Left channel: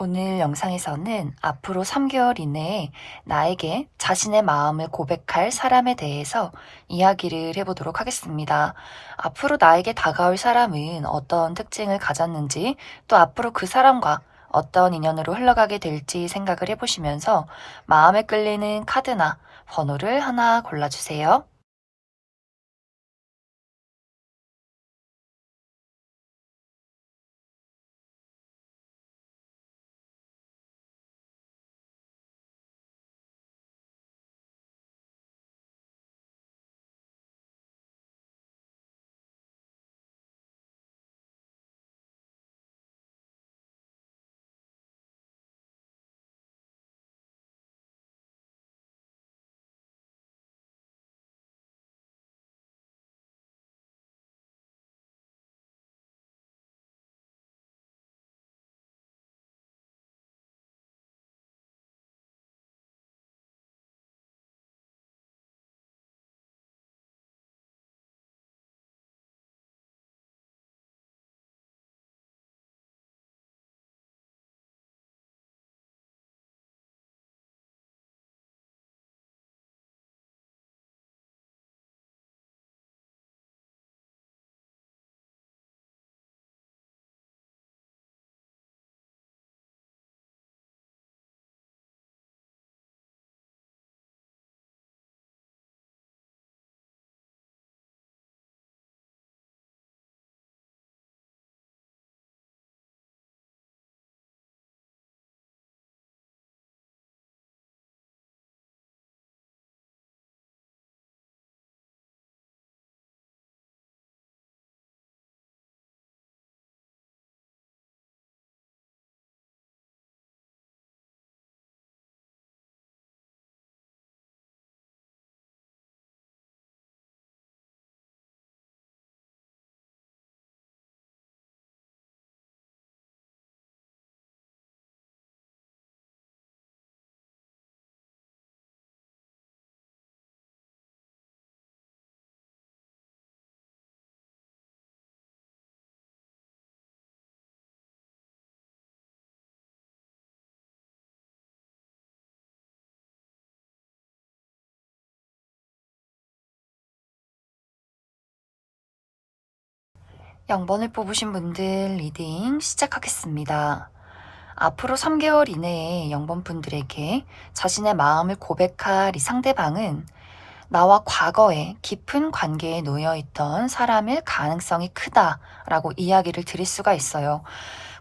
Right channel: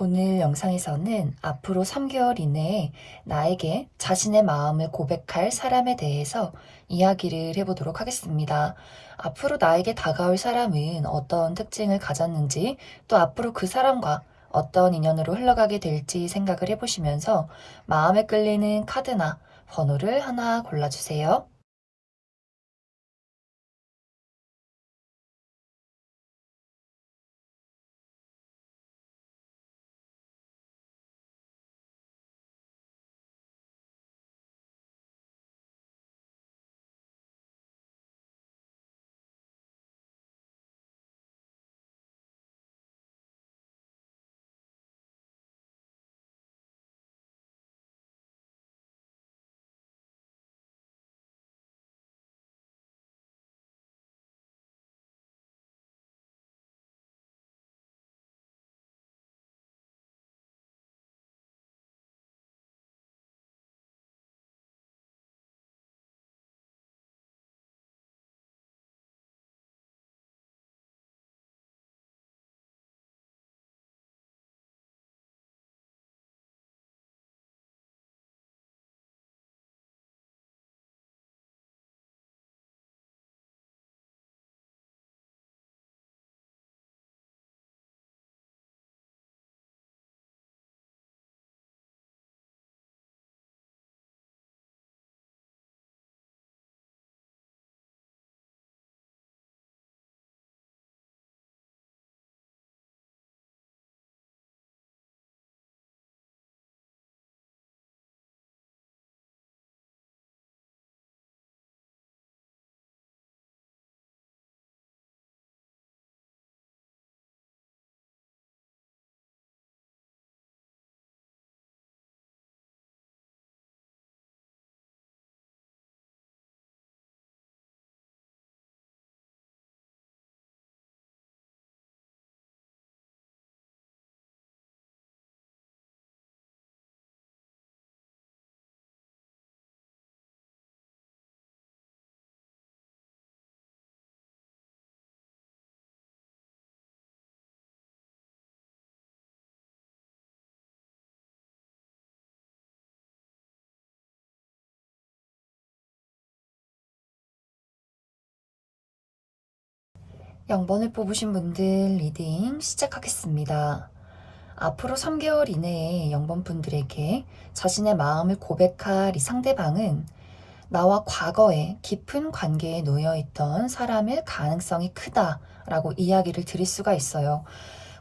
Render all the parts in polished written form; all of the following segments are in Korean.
오늘 영상에서는 앞으로 3개월 이내에 나에게 자신의 마음을 고백할 사람에 대해서 이야기를 해보도록 하겠습니다. 앞으로 나에게 다가올 사람은 어떤 특징을 가졌는지, 또 앞으로 그 사람과 어떤 인연으로 흘러가게 될지 생각을 해보시면서 마음에 끌리는 카드나 번호를 하나 골라주세요. 영번을 뽑으신 분들 리딩 시작하겠습니다. 앞으로 3개월 이내에 0번 분들에게 자신의 마음을 고백할 이 상대방은 나와 과거에 깊은 관계에 놓여 있던 사람일 가능성이 크다라고 이야기를 드릴 수가 있어요.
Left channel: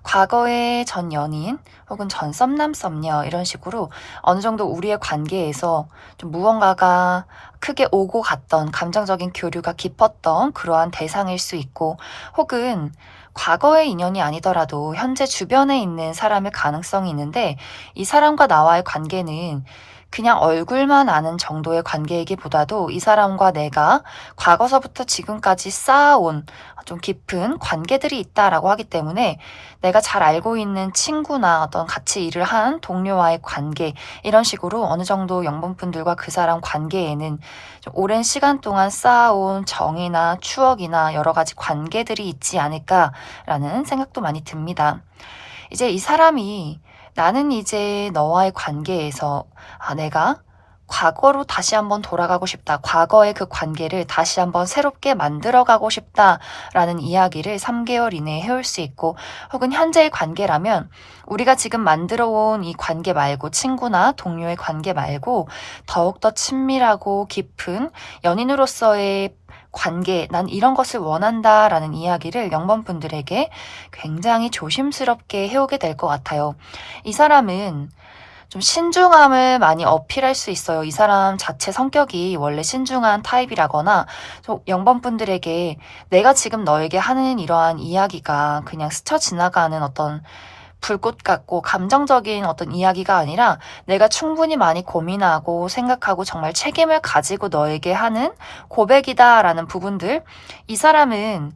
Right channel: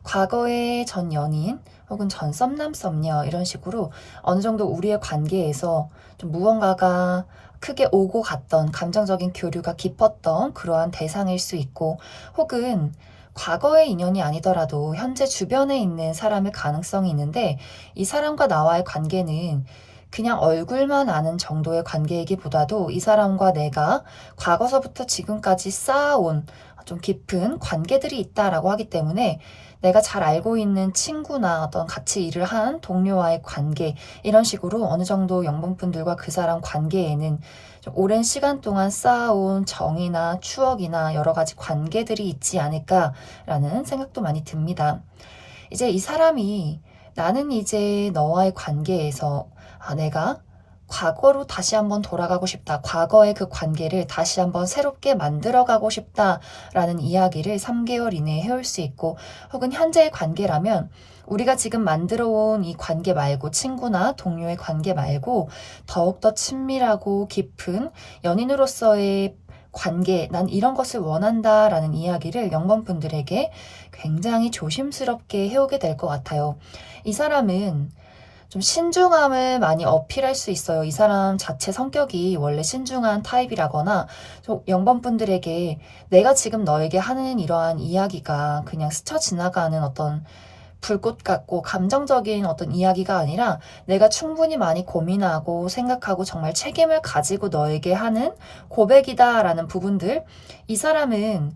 과거의 전 연인 혹은 전 썸남 썸녀 이런 식으로 어느 정도 우리의 관계에서 좀 무언가가 크게 오고 갔던 감정적인 교류가 깊었던 그러한 대상일 수 있고, 혹은 과거의 인연이 아니더라도 현재 주변에 있는 사람일 가능성이 있는데, 이 사람과 나와의 관계는 그냥 얼굴만 아는 정도의 관계이기보다도 이 사람과 내가 과거서부터 지금까지 쌓아온 좀 깊은 관계들이 있다라고 하기 때문에, 내가 잘 알고 있는 친구나 어떤 같이 일을 한 동료와의 관계, 이런 식으로 어느 정도 영분분들과 그 사람 관계에는 좀 오랜 시간 동안 쌓아온 정이나 추억이나 여러 가지 관계들이 있지 않을까라는 생각도 많이 듭니다. 이제 이 사람이 나는 이제 너와의 관계에서 내가 과거로 다시 한번 돌아가고 싶다. 과거의 그 관계를 다시 한번 새롭게 만들어가고 싶다라는 이야기를 3개월 이내에 해올 수 있고, 혹은 현재의 관계라면 우리가 지금 만들어 온 이 관계 말고, 친구나 동료의 관계 말고 더욱더 친밀하고 깊은 연인으로서의 관계, 난 이런 것을 원한다라는 이야기를 0번 분들에게 굉장히 조심스럽게 해오게 될 것 같아요. 이 사람은 좀 신중함을 많이 어필할 수 있어요. 이 사람 자체 성격이 원래 신중한 타입이라거나, 0번 분들에게 내가 지금 너에게 하는 이러한 이야기가 그냥 스쳐 지나가는 어떤 불꽃 같고 감정적인 어떤 이야기가 아니라, 내가 충분히 많이 고민하고 생각하고 정말 책임을 가지고 너에게 하는 고백이다라는 부분들, 이 사람은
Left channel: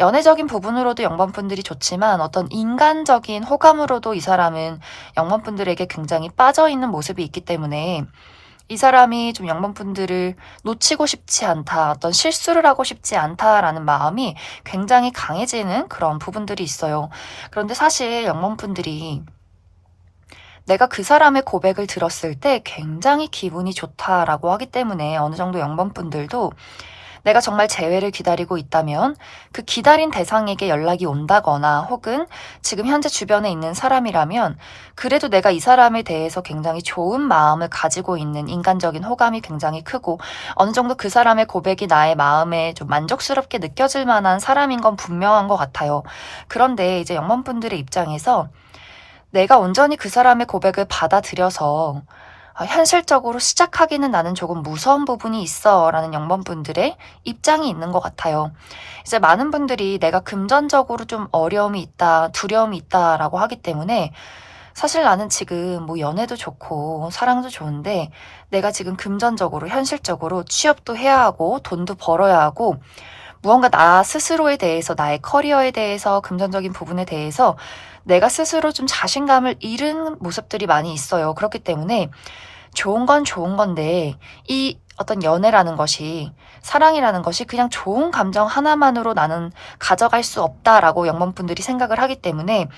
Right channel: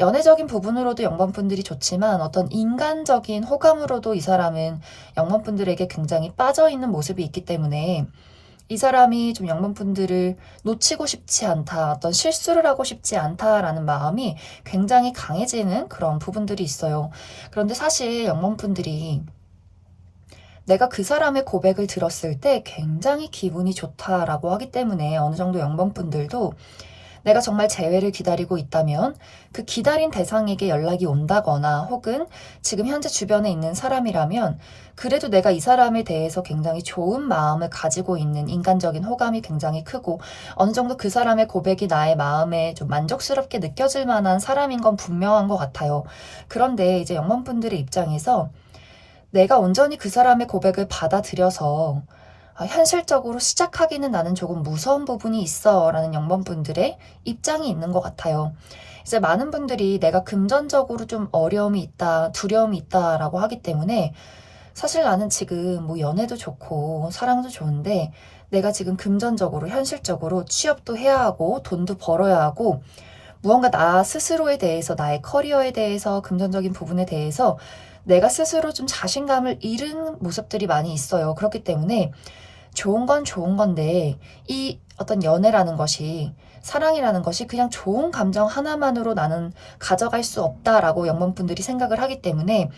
연애적인 부분으로도 0번 분들이 좋지만 어떤 인간적인 호감으로도 이 사람은 0번 분들에게 굉장히 빠져있는 모습이 있기 때문에, 이 사람이 좀 0번 분들을 놓치고 싶지 않다, 어떤 실수를 하고 싶지 않다라는 마음이 굉장히 강해지는 그런 부분들이 있어요. 그런데 사실 0번 분들이 내가 그 사람의 고백을 들었을 때 굉장히 기분이 좋다라고 하기 때문에 어느 정도 영번분들도 내가 정말 재회를 기다리고 있다면 그 기다린 대상에게 연락이 온다거나 혹은 지금 현재 주변에 있는 사람이라면 그래도 내가 이 사람에 대해서 굉장히 좋은 마음을 가지고 있는 인간적인 호감이 굉장히 크고 어느 정도 그 사람의 고백이 나의 마음에 좀 만족스럽게 느껴질 만한 사람인 건 분명한 것 같아요. 그런데 이제 영문분들의 입장에서 내가 온전히 그 사람의 고백을 받아들여서 현실적으로 시작하기는 나는 조금 무서운 부분이 있어 라는 영번분들의 입장이 있는 것 같아요. 이제 많은 분들이 내가 금전적으로 좀 어려움이 있다, 두려움이 있다 라고 하기 때문에 사실 나는 지금 뭐 연애도 좋고 사랑도 좋은데 내가 지금 금전적으로 현실적으로 취업도 해야 하고 돈도 벌어야 하고 무언가 나 스스로에 대해서 나의 커리어에 대해서 금전적인 부분에 대해서 내가 스스로 좀 자신감을 잃은 모습들이 많이 있어요. 그렇기 때문에 좋은 건 좋은 건데 이 어떤 연애라는 것이 사랑이라는 것이 그냥 좋은 감정 하나만으로 나는 가져갈 수 없다라고 영문분들이 생각을 하기 때문에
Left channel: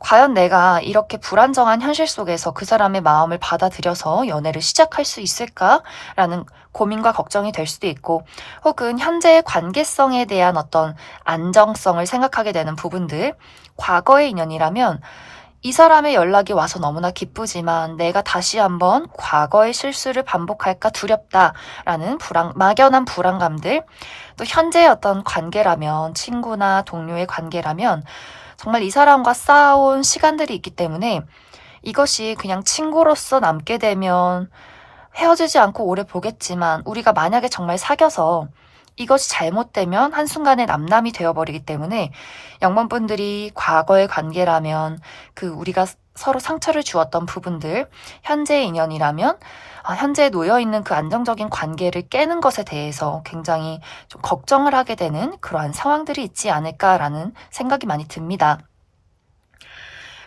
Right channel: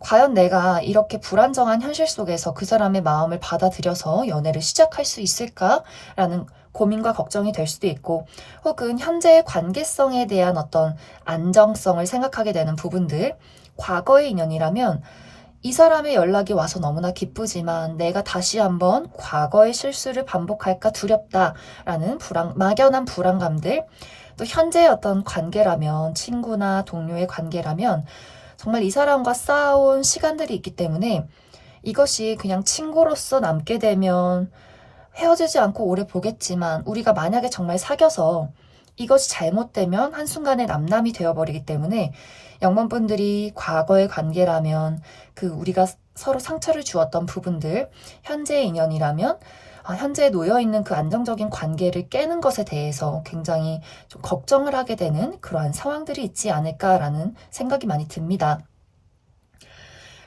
과연 내가 이렇게 불안정한 현실 속에서 그 사람의 마음을 받아들여서 연애를 시작할 수 있을까라는 고민과 걱정이 될 수도 있고 혹은 현재의 관계성에 대한 어떤 안정성을 생각하게 되는 부분들 과거의 인연이라면 이 사람의 연락이 와서 너무나 기쁘지만 내가 다시 한번 과거의 실수를 반복할까 두렵다라는 막연한 불안감들 또 현재의 어떤 관계라면 친구나 동료의 관계라면 정말 이 사람과 쌓아온 시간들이 있기 때문에 이것이 그냥 친구로서 남게 되면 헤어지지 않고 오래 보겠지만 우리가 만약에 정말 사귀어서 이것이 잘못되면 한순간에 남남이 되어버리기 때문에 영문분들이 과거의 관계라면 그 우리가 서로 상처를 주었던 부분들 현재의 인연이라면 현재에 놓여있는 그 안정적인 관계를 깨는 것에 대해서 굉장히 좀 걱정을 하게 되는 그러한 상황들이 있지 않을까라는 생각이 많이 듭니다.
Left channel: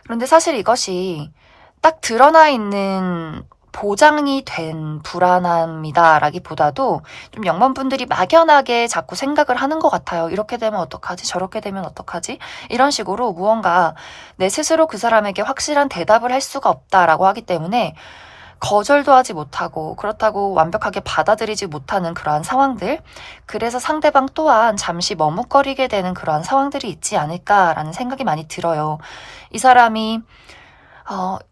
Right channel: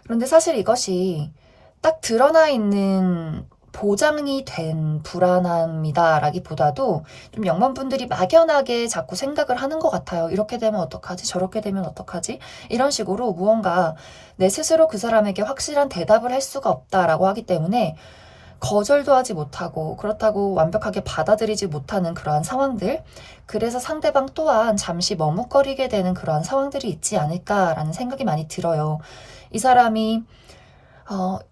그런데 사실 이것이 딱 드러나 있는 보장이 된 불안함이다라기보다도 좀 영문분들이 막연하게 자꾸 생각을 하는 것 같아요. 이렇게 되면 어떡하지? 저렇게 되면 어떡하지? 이런 식으로 무언가 내 스스로 그 사람에게 확실한 대답을 할 수가 없다라고 하기 때문에 거절도 하지 못하고 그렇다고 완벽하게 받아들이지 못하는 그러한 상황들 그래서 상대방 또한 잠시 머뭇거리게 되는 그러한 상황들이 있지 않을까라는 생각이 많이 들어요. 이 사람이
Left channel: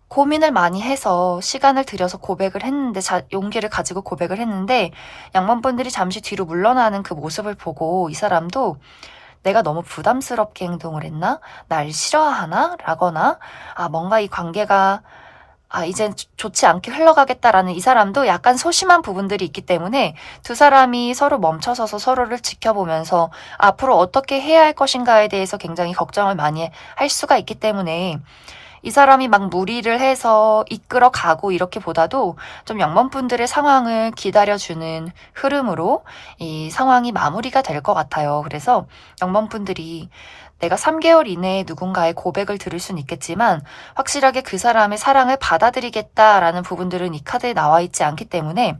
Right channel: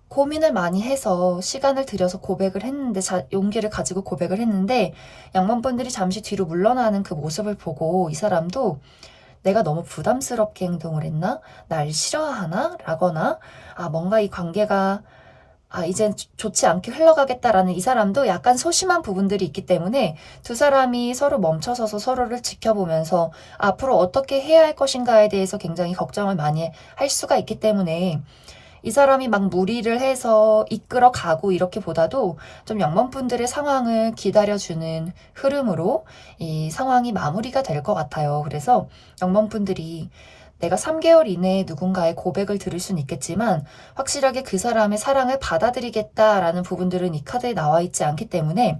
고민을 많이 해서 시간을 들여서 고백을 했는데 용기를 가지고 고백을 했는데 양반분들이 잠시 뒤로 물러나는 그 모습을 보고 이 사람도 내가 너무 부담스럽게 행동을 했나? 날 싫어하나? 라거나 뭔가 이 관계가 이젠 좋지 않게 흘러가겠다라는 이 사람도 약간 소심한 부분들이 있기 때문에 두 사람이 서로 멈춰서서 서로를 지켜보면서 앞으로 어떻게 해야 할 것인가에 대해서 굉장히 걱정을 많이 할 수가 있기 때문에 이 사람이 막 무리를 해서 이끌어 가고 이렇게 보다도 좀 영문분들의 상황을 기다려주는 흐름으로 이 상황이 마무리가 될 것 같아요. 그래서 영문분들이 내가 3개월 이내에 누군가의 고백을 들을 수는 있겠지만 확실하게 그 사람의 사랑을 받아들이겠다라는 부분들은 이 카드에 나와 있지 않기 때문에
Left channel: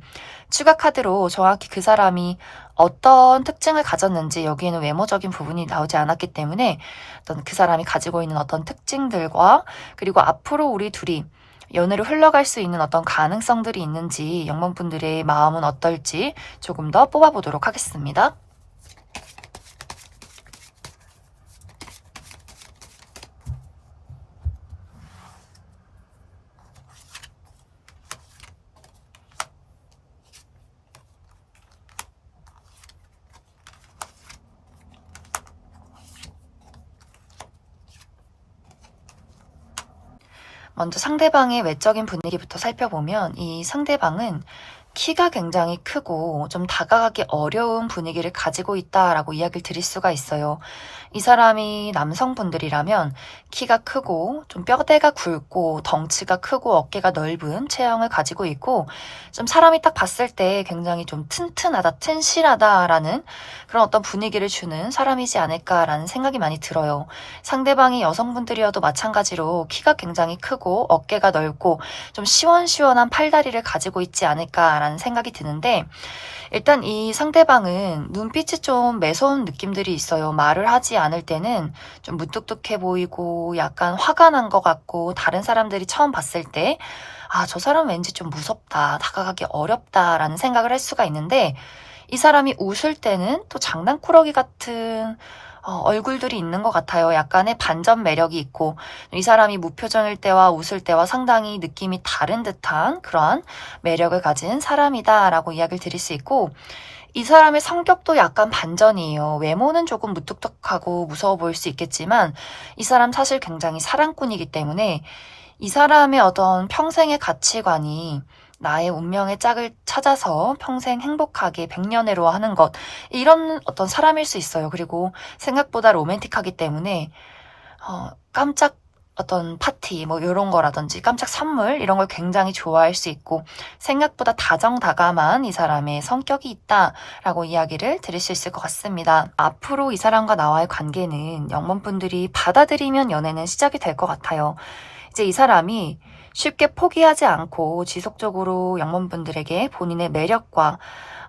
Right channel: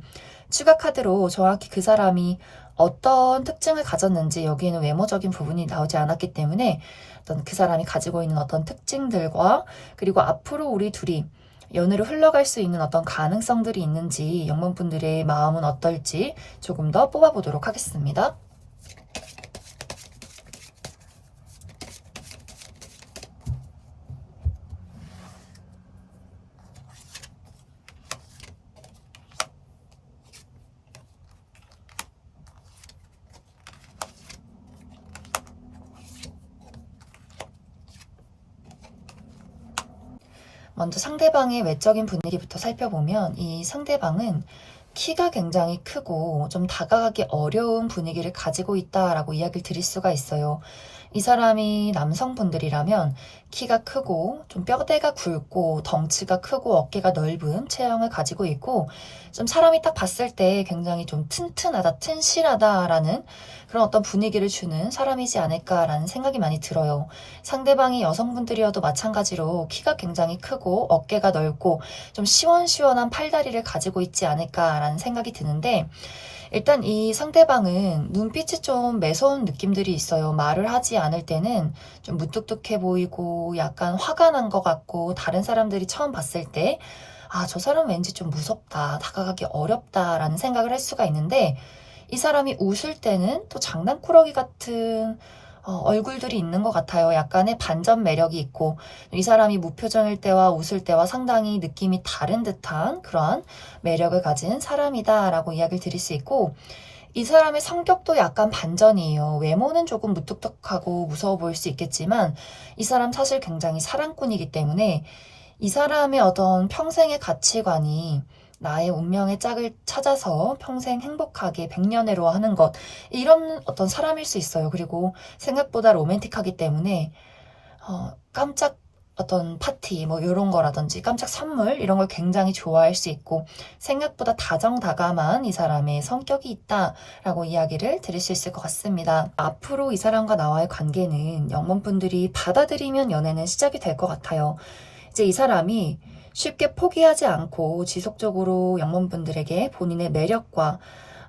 추가 카드로 정확히 그 사람이 어떤 특징을 가졌는지 여기에는 외모적인 부분이 나오지 않았기 때문에 어떤 그 사람이 가지고 있는 어떤 특징들과 그리고 앞으로 우리 둘이 연애로 흘러갈 수 있는 어떤 가능성들이 있는지 영문분들의 마음은 어떨지 조금 더 뽑아보도록 하겠습니다. 먼저 상대방의 외적인 분위기부터 살펴보면 이 상대방은 키가 굉장히 크고 좀 다가가기 어려운 분위기를 가지고 있다라고 이야기를 드릴 수가 있어요. 이 사람이 남성분들이라면 키가 크고 좀 뼈대가 굵고 덩치가 크고 어깨가 넓은 체형을 가지고 있고 좀 사람이 딱 봤을 때 굉장히 좀 튼튼하다, 튼실하다라는 그런 어떤 분위기를 주는 사람이지 않을까라는 생각이 많이 들어요. 상대방이 여성분들이어도 마찬가지로 키가 굉장히 크고 어깨가 넓고 좀 시원시원한 팔다리를 가지고 있지 않을까 않을까라는 생각이 드는데, 일단 이 상대방은 눈빛이 좀 매서운 느낌들이 있어요. 말을 하지 않을 때는 좀 무뚝뚝해 보이고 약간 화가 난 것 같고, 다른 사람들이 처음 봤을 때 아, 저 사람 왠지 좀 무섭다, 다가가기 어렵다라는 생각을 할 수가 있는데, 이 사람이 웃을 때는 또 장난꾸러기 같은 얼굴들이 있는 것 같아요. 약간의 반전 매력이 있고, 이 사람이 무표정일 때와 웃을 때와 상당히 느낌이 다른 듯한 그러한 매력을 가진 사람이다라고 이야기를 드릴 수 있고, 이 사람의 성격도 약간 반전이에요. 외모는 조금 무뚝뚝하고 무서워 보일 수 있겠지만, 이 사람 사실 굉장히 사랑꾼이기 때문에 이 사람의 어떤 평생의 가치관이 나의 운명의 짝을 찾아서 평생 행복하게 백년해로 하는 것, 이런 어떤 사람일 수 있어요. 그리고 생각보다 로맨틱하기 때문에 깜짝 어떤 파티 뭐 이런 거라든지 깜짝 선물 이런 걸 굉장히 좋아할 수 있고, 생각보다 다정다감한 이 사람의 성격이 있다라고 이야기를 드릴 수 있을 것 같습니다. 앞으로 이 사람과 나와의 관계는 영범분들이 받아들이면 연애는 시작이 될 것 같아요. 이제 이 사람이 쉽게 포기하지 않고 지속적으로 영범분들에게 본인의 매력과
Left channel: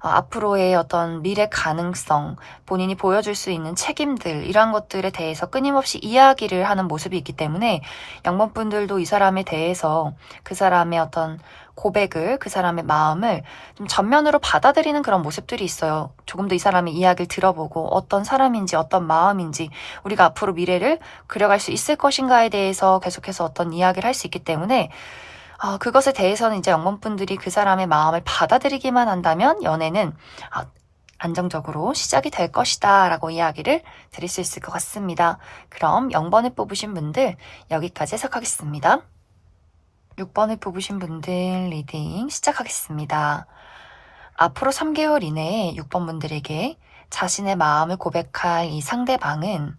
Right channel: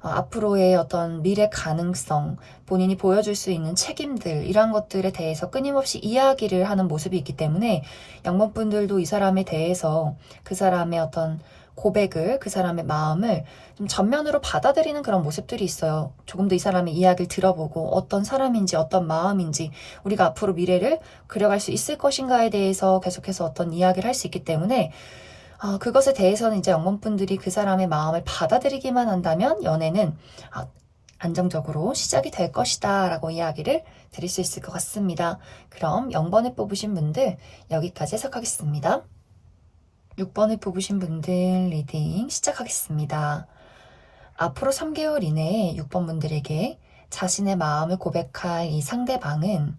앞으로의 어떤 미래 가능성, 본인이 보여줄 수 있는 책임들, 이러한 것들에 대해서 끊임없이 이야기를 하는 모습이 있기 때문에 영범분들도 이 사람에 대해서 그 사람의 어떤 고백을, 그 사람의 마음을 좀 전면으로 받아들이는 그런 모습들이 있어요. 조금 더 이 사람의 이야기를 들어보고 어떤 사람인지, 어떤 마음인지, 우리가 앞으로 미래를 그려갈 수 있을 것인가에 대해서 계속해서 어떤 이야기를 할 수 있기 때문에 그것에 대해서는 이제 영범분들이 그 사람의 마음을 받아들이기만 한다면 연애는 안정적으로 시작이 될 것이다 라고 이야기를 드릴 수 있을 것 같습니다. 그럼 0번을 뽑으신 분들 여기까지 해석하겠습니다. 6번을 뽑으신 분들 리딩 시작하겠습니다. 앞으로 3개월 이내에 6번 분들에게 자신의 마음을 고백할 이 상대방은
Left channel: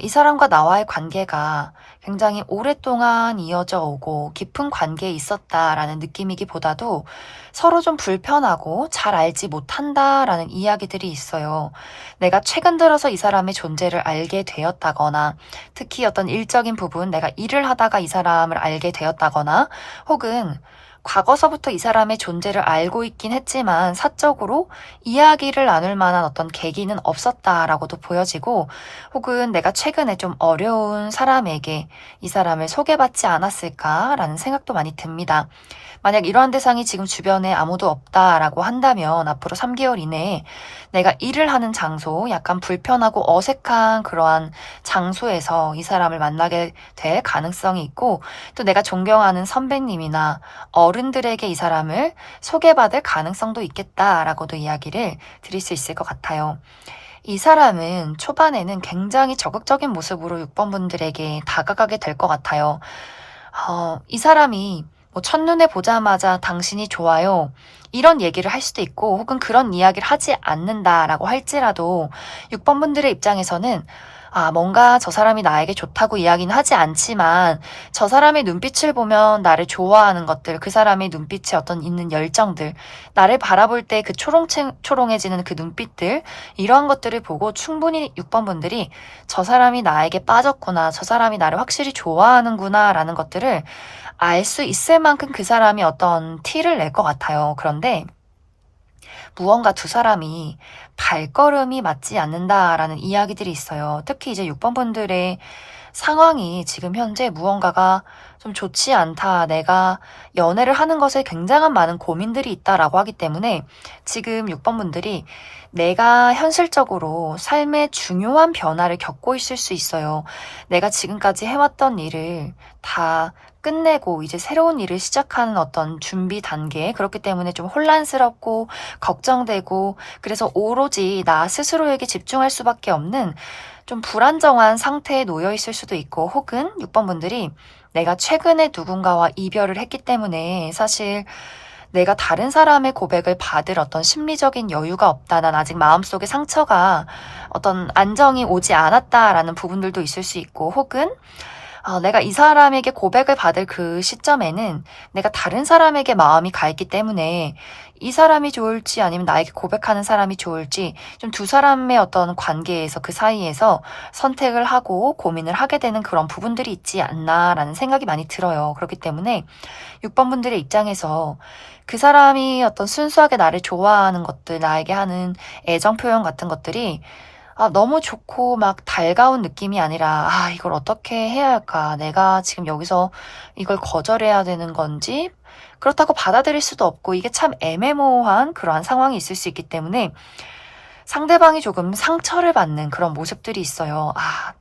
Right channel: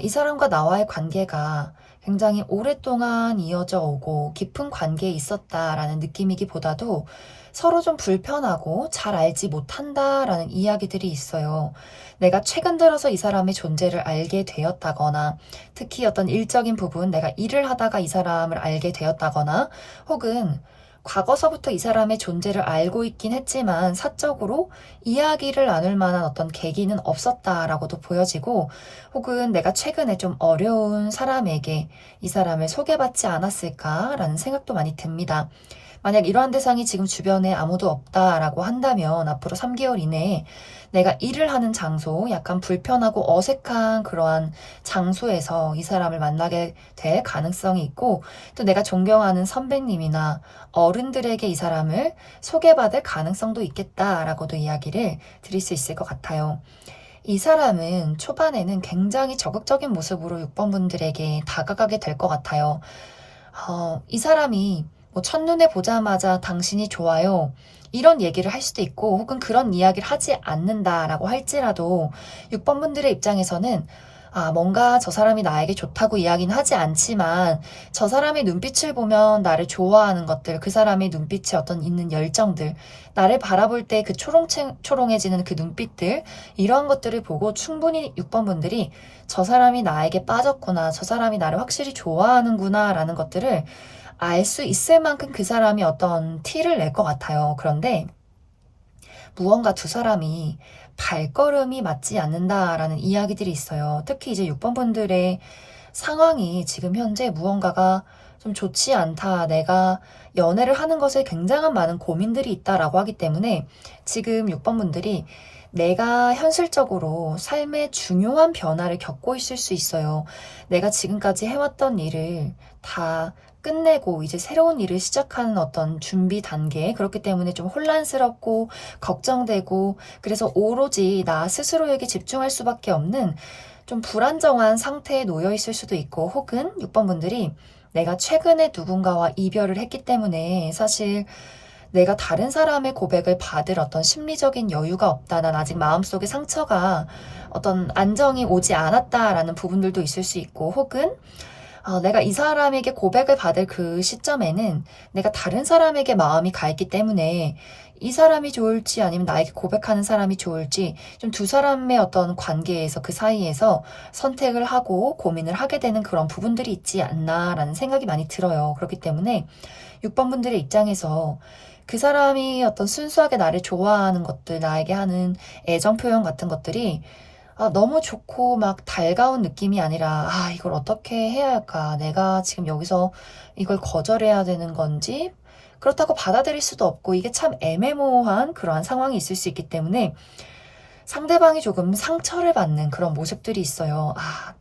이 사람과 나와의 관계가 굉장히 오랫동안 이어져 오고 깊은 관계에 있었다라는 느낌이기보다도 서로 좀 불편하고 잘 알지 못한다라는 이야기들이 있어요. 내가 최근 들어서 이 사람의 존재를 알게 되었다거나, 특히 어떤 일적인 부분, 내가 일을 하다가 이 사람을 알게 되었다거나, 혹은 과거서부터 이 사람의 존재를 알고 있긴 했지만 사적으로 이야기를 나눌 만한 어떤 계기는 없었다라고도 보여지고, 혹은 내가 최근에 좀 어려운 사람에게 이 사람을 소개받지 않았을까라는 생각도 많이 듭니다. 만약 이러한 대상이 지금 주변에 아무도 없다라고 한다면 앞으로 3개월 이내에 내가 일을 하는 장소, 약간 불편하고 어색한 그러한 장소에서 이 사람을 만나게 될 가능성이 있고, 또 내가 존경하는 선배님이나 어른들에게 이 사람을 소개받을 가능성도 있겠다라고도 이야기를 드릴 수 있을 것 같아요. 이 사람은 초반에는 굉장히 적극적인 모습으로 6번 분들에게 다가가게 될 것 같아요. 이 사람이 뭐 첫눈에 보자마자 당신이 좋아요, 이런 얘기를 할 수도 있고, 혹은 그런 이야기를 하지 않는다라고 할지라도 6번 분들의 입장에서는 뭔가 저 사람이 나에게 좋다고 이야기는 하지 않지만 저 사람의 눈빛을 보면 나를 좋아하는 것들, 그 사람의 눈빛에 어떤 있는 열정들, 나를 바라볼 때 그 초롱해지는 그 눈빛들, 이러한 것들을 보고 충분히 6번 분들이 저 사람이 나에게 빠졌구나, 저 사람이 나를 확실히 좋아하는구나 라는 것들을 알 수 있을 만큼 그 사람이 어떤 티를 낼 것 같아요. 그런데 무언가 두 사람이 발걸음이 맞지 않는다라는 이야기들이 있어요. 특히 이제 6번 분들의 상황이 지금 현재 무언가가 좀 좋지 않다, 내가 연애를 하는 것에 굉장한 많은 고민들이 있다라고 하기 때문에 지금 6번 분들이 내가 현실적으로 삶의 중요한 변화를 겪고 있을 수 있어요. 내가 지금까지 해왔던 일을 다 끝내고 이제 새로운 일을 시작하는 어떤 준비 단계, 그렇기 때문에 좀 혼란스럽고 걱정되고, 그래서 오로지 나 스스로에게 집중할 수밖에 없는 좀 불안정한 상태에 놓여 있을 수도 있고, 혹은 6번 분들이 내가 최근에 누군가와 이별을 했기 때문에 사실 내가 다른 사람의 고백을 받을 어떤 심리적인 여유가 없다, 난 아직 마음속에 상처가 어떤 안정이 오지 않았다라는 부분들도 있을 수 있고, 혹은 내가 이 사람에게 고백을 받을 그 시점에는 내가 다른 사람에게 마음이 가 있기 때문에 이 사람이 좋을지 아니면 나에게 고백하는 사람이 좋을지 좀 두 사람의 어떤 관계에서 그 사이에서 선택을 하고 고민을 하게 되는 그런 부분들이 있지 않나라는 생각이 많이 들어요. 그렇기 때문에 6번 분들의 입장에서 그 사람이 어떤 순수하게 나를 좋아하는 것들, 나에게 하는 애정 표현 같은 것들이 너무 좋고 막 달가운 느낌이 아니라 이걸 어떻게 해야 할까? 내가 지금 여기서 이걸 거절해야 되는 건지 그렇다고 받아들일 수도 없고 이게 참 애매모호한 그러한 상황이 있을 수 있기 때문에 상대방이 조금 상처를 받는 그런 모습들이 있어요.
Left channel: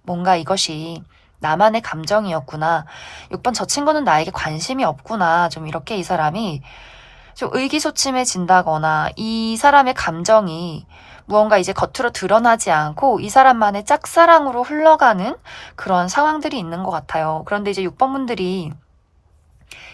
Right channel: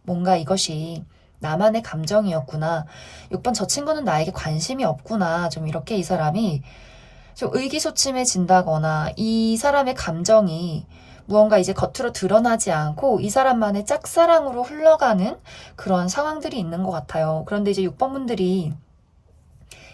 뭔가 이것이 나만의 감정이었구나. 6번 저 친구는 나에게 관심이 없구나. 좀 이렇게 이 사람이 좀 의기소침해진다거나 이 사람의 감정이 무언가 이제 겉으로 드러나지 않고 이 사람만의 짝사랑으로 흘러가는 그런 상황들이 있는 것 같아요. 그런데 이제 6번 분들이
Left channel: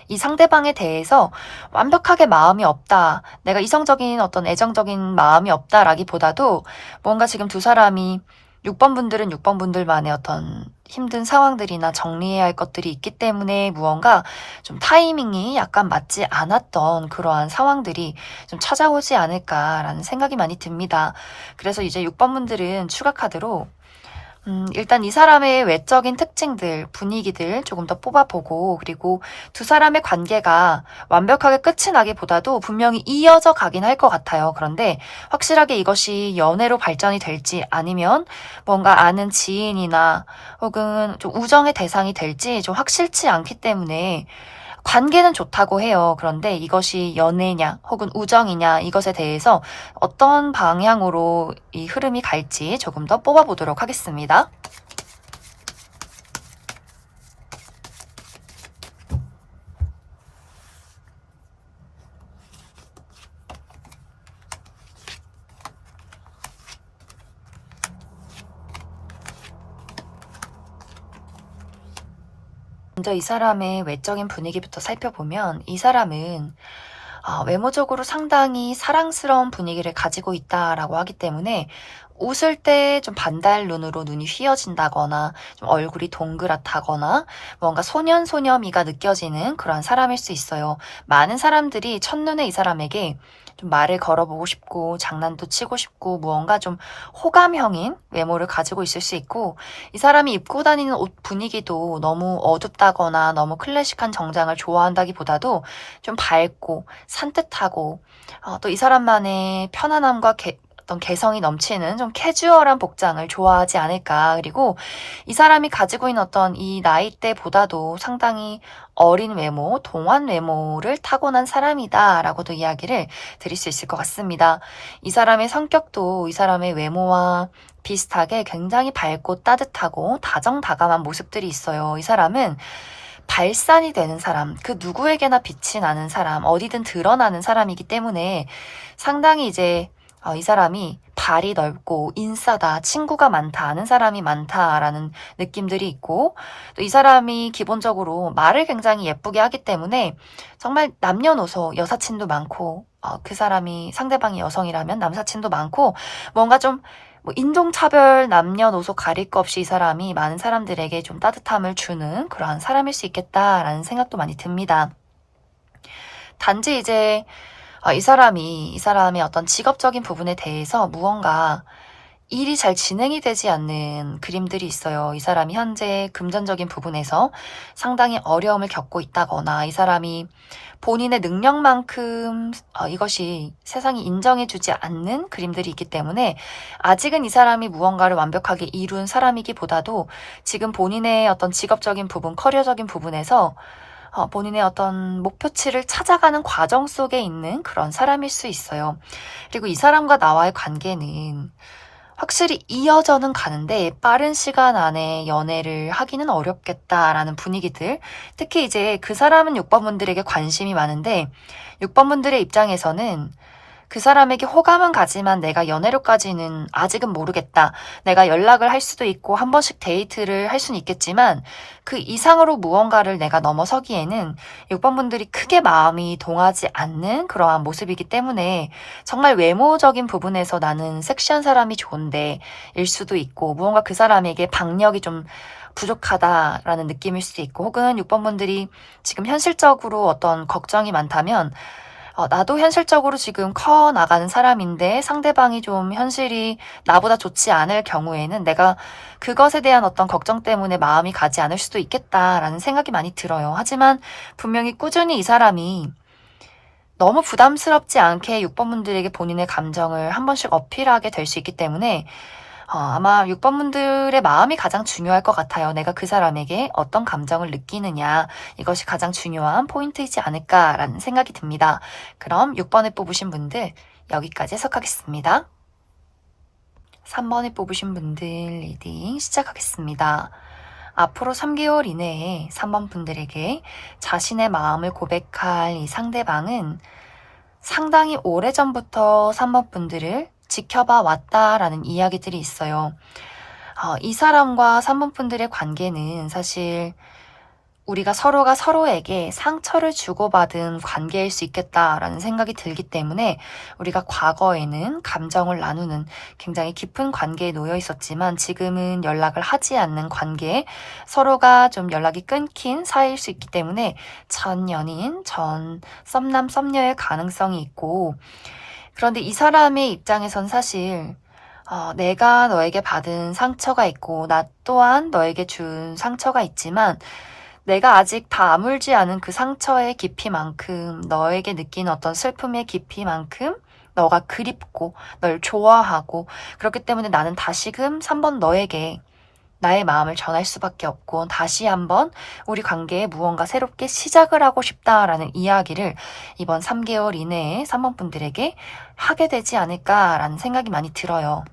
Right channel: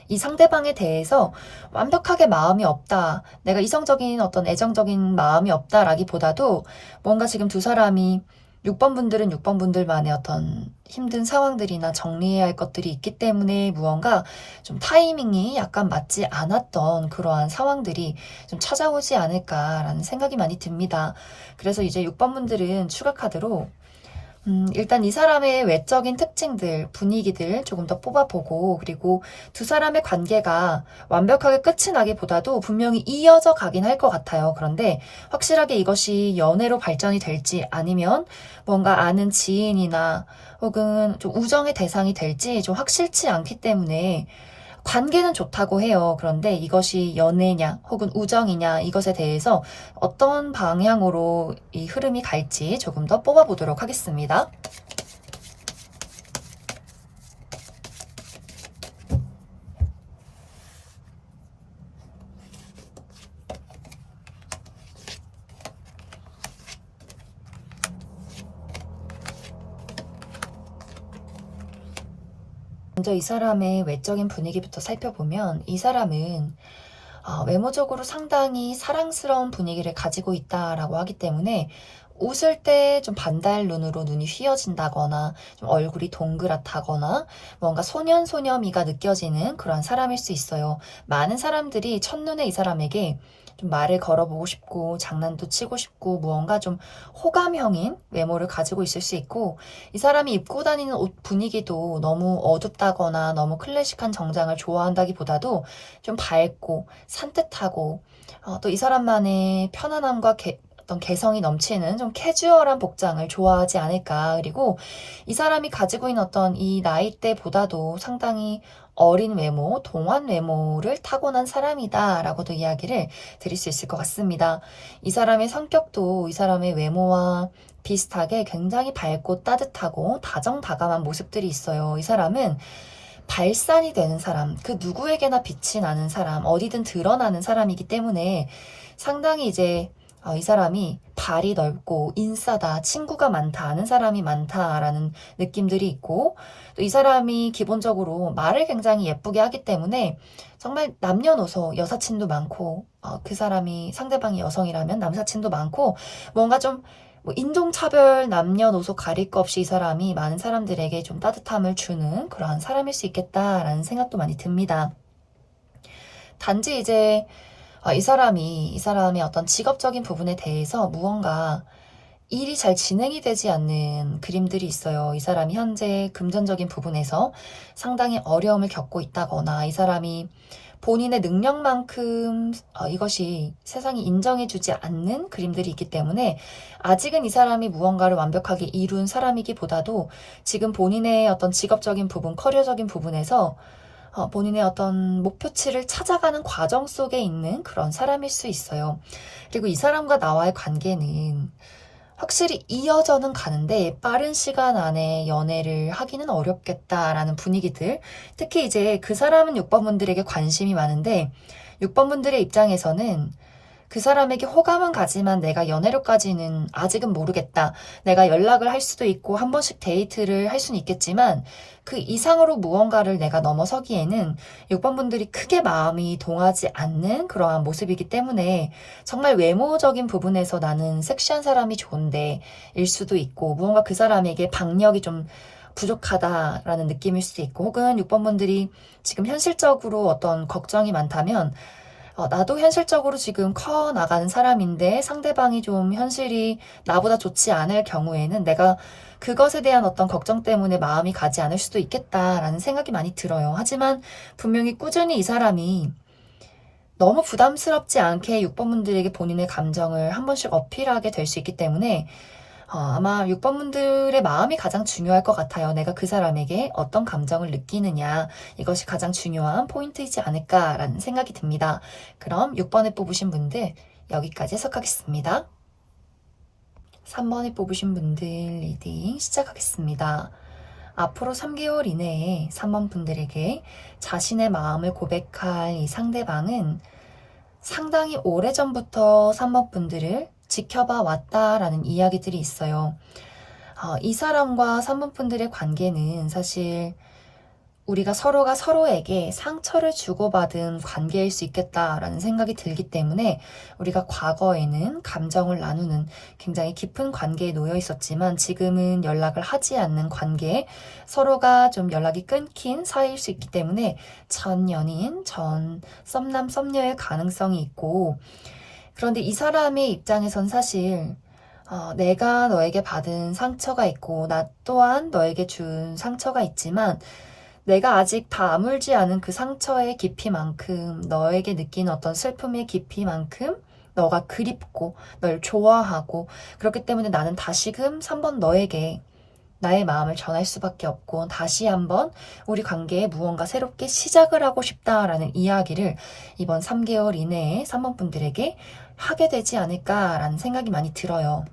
이 상대방에 대해서 완벽하게 마음이 없다. 내가 이성적인 어떤 애정적인 마음이 없다라기보다도 뭔가 지금 두 사람이 6번 분들은 6번 분들만의 어떤 힘든 상황들이나 정리해야 할 것들이 있기 때문에 무언가 좀 타이밍이 약간 맞지 않았던 그러한 상황들이 좀 찾아오지 않을까라는 생각이 많이 듭니다. 그래서 이제 6번 분들은 추가 카드로 일단 이 사람의 외적인 특징들, 분위기들 조금 더 뽑아보고 그리고 두 사람의 관계가 완벽하게 끝이 나기보다도 분명히 이어져 가긴 할 것 같아요. 그런데 확실하게 이것이 연애로 발전이 될지 아니면 뭔가 아는 지인이나 혹은 좀 우정의 대상이 될지 좀 확실치 않기 때문에 관계는 좋다고 해요. 그런데 이것이 연애냐 혹은 우정이냐 이것에 대해서 어떤 방향으로 이 흐름이 갈지 조금 더 뽑아보도록 하겠습니다. 먼저 이 사람의 외적인 분위기부터 살펴보면 이 사람은 외모적으로 상당히 사랑스러운 분위기를 가지고 있다라고 하기 때문에 웃을 때 좀 반달 눈으로 눈이 휘어진다거나 좀 얼굴이 동그랗다거나 뭔가 소년소녀미가 느껴지는 그런 사람일 수 있어요. 많은 사람들이 첫눈에 이 사람에게 좀 말을 걸어보고 싶고 장난도 치고 싶고 무언가 좀 호감형인 외모를 가지고 있을 수 있고 이 사람이 입고 다니는 옷 분위기도 너무 어둡다거나 너무 클래식한 정장을 좋아한다기보다도 좀 밝고 산뜻하고 또 이 사람만의 편안함과 어떤 개성이 넘치는 좀 캐주얼한 복장을 좋아하지 않을까. 그리고 이 사람이 가지고 있는 어떤 이 나이대보다도 상당히 어린 외모, 동안 외모를 타고난 사람이다라고도 이야기를 드릴 수 있을 것 같습니다. 이 사람의 성격도 이 사람의 외모와 비슷하게 굉장히 밝고 따뜻하고 다정다감한 모습들이 있어요. 이 사람은 발산이 되는 사람, 그 누구에게나 빛이 나는 사람, 어디든 드러나는 사람이기 때문에 상당히 이제 이 사람이 발이 넓고 인싸다, 친구가 많다, 아는 사람이 많다라는 느낌들이 있고 또 이 사람이 기본적으로 말을 굉장히 예쁘게 하기 때문에 정말 남녀노소 여사친도 많고 그 사람이 상대방이 여성이라면 남사친도 많고 뭔가 좀 인종차별 남녀노소 가릴 것 없이 이 사람이 많은 사람들에게 좀 따뜻함을 주는 그러한 사람일 수 있겠다라는 생각도 많이 듭니다. 단지 이제 이 사람의 어떤 직업적인 부분에 대해서 무언가 일이 잘 진행이 되지 않는 그림들이 있어요. 이 사람이 현재 금전적인 부분에서 상당히 어려움을 겪고 있다거나 이 사람이 본인의 능력만큼 이것이 세상이 인정해주지 않는 그림들이 있기 때문에 아직은 이 사람이 무언가를 완벽하게 이룬 사람이기보다도 지금 본인의 어떤 직업적인 부분, 커리어적인 부분에서 본인의 어떤 목표치를 찾아가는 과정 속에 있는 그런 사람일 수 있어요. 그리고 이 사람과 나와의 관계는 확실히 이어져는 가는데 빠른 시간 안에 연애를 하기는 어렵겠다라는 분위기들. 특히 이제 그 사람은 6번 분들에게 관심이 많은데 6번 분들의 입장에서는 그 사람에게 호감은 가지만 내가 연애로까지는 아직은 모르겠다. 내가 연락을 할 수도 있고 한 번씩 데이트를 할 수는 있겠지만 그 이상으로 무언가를 내가 넘어서기에는 6번 분들이 크게 마음이 동하지 않는 그러한 모습이기 때문에 정말 외모적인 부분에서 나는 섹시한 사람이 좋은데 일 수도 있고 무언가 그 사람에게 박력이 좀 부족하다라는 느낌일 수도 있고, 혹은 6번 분들이 지금 현실적으로 어떤 걱정이 많다면 나도 현실적으로 지금 커 나가는 사람인데 상대방이 좀 현실이 나보다 좋지 않을 경우에는 내가 그것에 대한 어떤 걱정 때문에 마음이 가지 않을 수도 있겠다라는 생각이 많이 들어요. 하지만 분명히 꾸준히 이 사람이 너무 부담스럽지 않게 6번 분들에게 본인의 감정을 한 번씩 어필하게 될 수 있기 때문에 아마 6번 분들의 마음이 가장 중요할 것 같아요. 내가 그 사람에게 어떤 감정을 느끼느냐, 이것이 가장 중요한 포인트이지 않을까라는 생각이 듭니다. 그럼 6번에 뽑으신 분들 여기까지 해석하겠습니다. 3번에 뽑으신 분들 리딩 시작하겠습니다. 앞으로 3개월 이내에 3번 분들에게 자신의 마음을 고백할 이 상대방은 상당히 오래전부터 3번 분들을 지켜봐 왔다라는 이야기들이 있어요. 이 사람과 3번 분들의 관계는 사실 우리가 서로가 서로에게 상처를 주고받은 관계일 수 있겠다라는 생각이 들기 때문에 우리가 과거에는 감정을 나누는 굉장히 깊은 관계에 놓여 있었지만 지금은 연락을 하지 않는 관계, 서로가 좀 연락이 끊긴 사이일 수 있기 때문에 전 연인, 전 썸남, 썸녀의 가능성이 있고, 그런데 이 사람의 입장에선 사실 내가 너에게 받은 상처가 있고 나 또한 너에게 준 상처가 있지만 내가 아직 다 아물지 않은 그 상처의 깊이만큼, 너에게 느낀 어떤 슬픔의 깊이만큼 너가 그립고 널 좋아하고, 그렇기 때문에 나는 다시금 3번 너에게 나의 마음을 전할 수밖에 없고 다시 한번 우리 관계에 무언가 새롭게 시작을 하고 싶다라는 이야기를 이번 3개월 이내에 3번 분들에게 하게 되지 않을까라는 생각이 많이 들어요.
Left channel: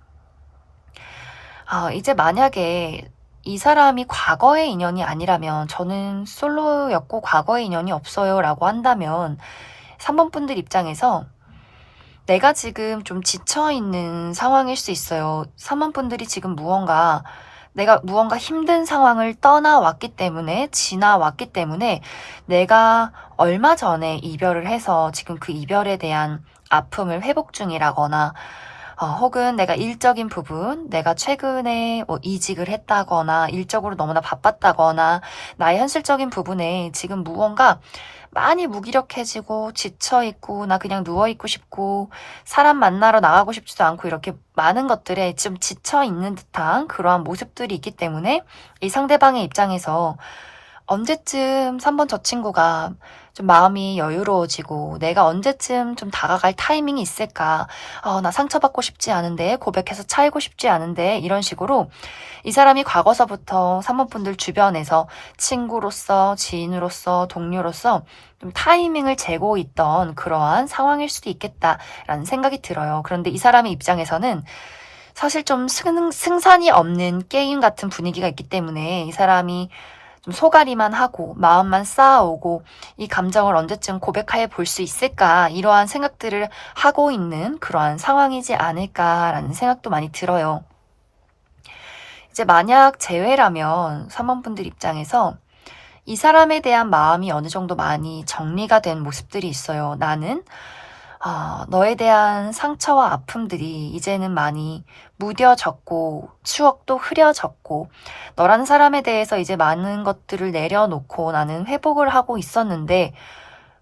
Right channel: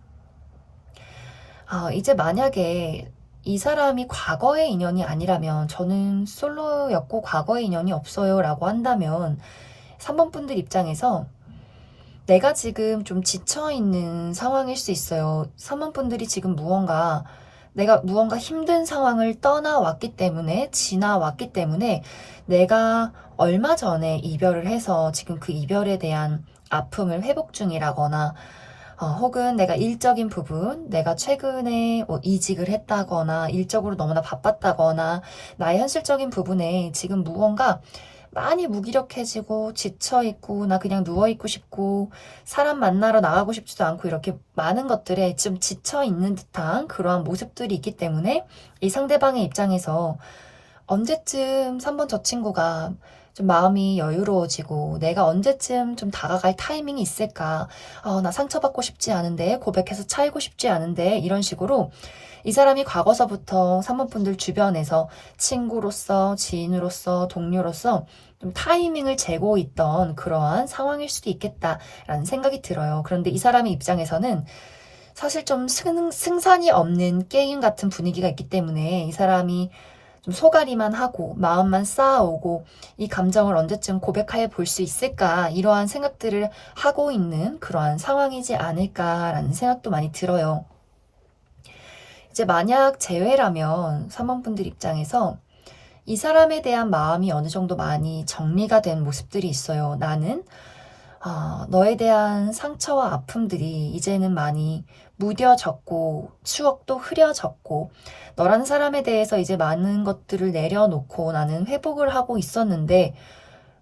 이제 만약에 이 사람이 과거의 인연이 아니라면, 저는 솔로였고 과거의 인연이 없어요 라고 한다면 3번 분들 입장에서 내가 지금 좀 지쳐있는 상황일 수 있어요. 3번 분들이 지금 내가 무언가 힘든 상황을 떠나왔기 때문에, 지나왔기 때문에 내가 얼마 전에 이별을 해서 지금 그 이별에 대한 아픔을 회복 중이라거나, 혹은 내가 일적인 부분, 내가 최근에 이직을 했다거나 일적으로 너무나 바빴다거나 나의 현실적인 부분에 지금 무언가 많이 무기력해지고 지쳐있고 나 그냥 누워있고 싶고 사람 만나러 나가고 싶지도 않고 이렇게 많은 것들에 좀 지쳐있는 듯한 그러한 모습들이 있기 때문에 이 상대방의 입장에서 언제쯤 3번 저 친구가 좀 마음이 여유로워지고 내가 언제쯤 좀 다가갈 타이밍이 있을까? 나 상처받고 싶지 않은데, 고백해서 차이고 싶지 않은데, 이런 식으로 이 사람이 과거서부터 3번 분들 주변에서 친구로서, 지인으로서, 동료로서 좀 타이밍을 재고 있던 그러한 상황일 수도 있겠다라는 생각이 들어요. 그런데 이 사람의 입장에서는 사실 좀 승산이 없는 게임 같은 분위기가 있기 때문에 이 사람이 좀 소가리만 하고 마음만 쌓아오고 이 감정을 언제쯤 고백해 볼 수 있을까, 이러한 생각들을 하고 있는 그러한 상황이지 않을까라는 생각도 많이 들어요. 이제 만약 재회라면 3번 분들 입장에서 이 사람에 대한 마음이 어느 정도 많이 정리가 된 모습들이 있어요. 나는 너에 대한 상처와 아픔들이 이제는 많이 무뎌졌고 추억도 흐려졌고 너라는 사람에 대해서 이제 많은 것들을 내려놓고 나는 회복을 하고 있었는데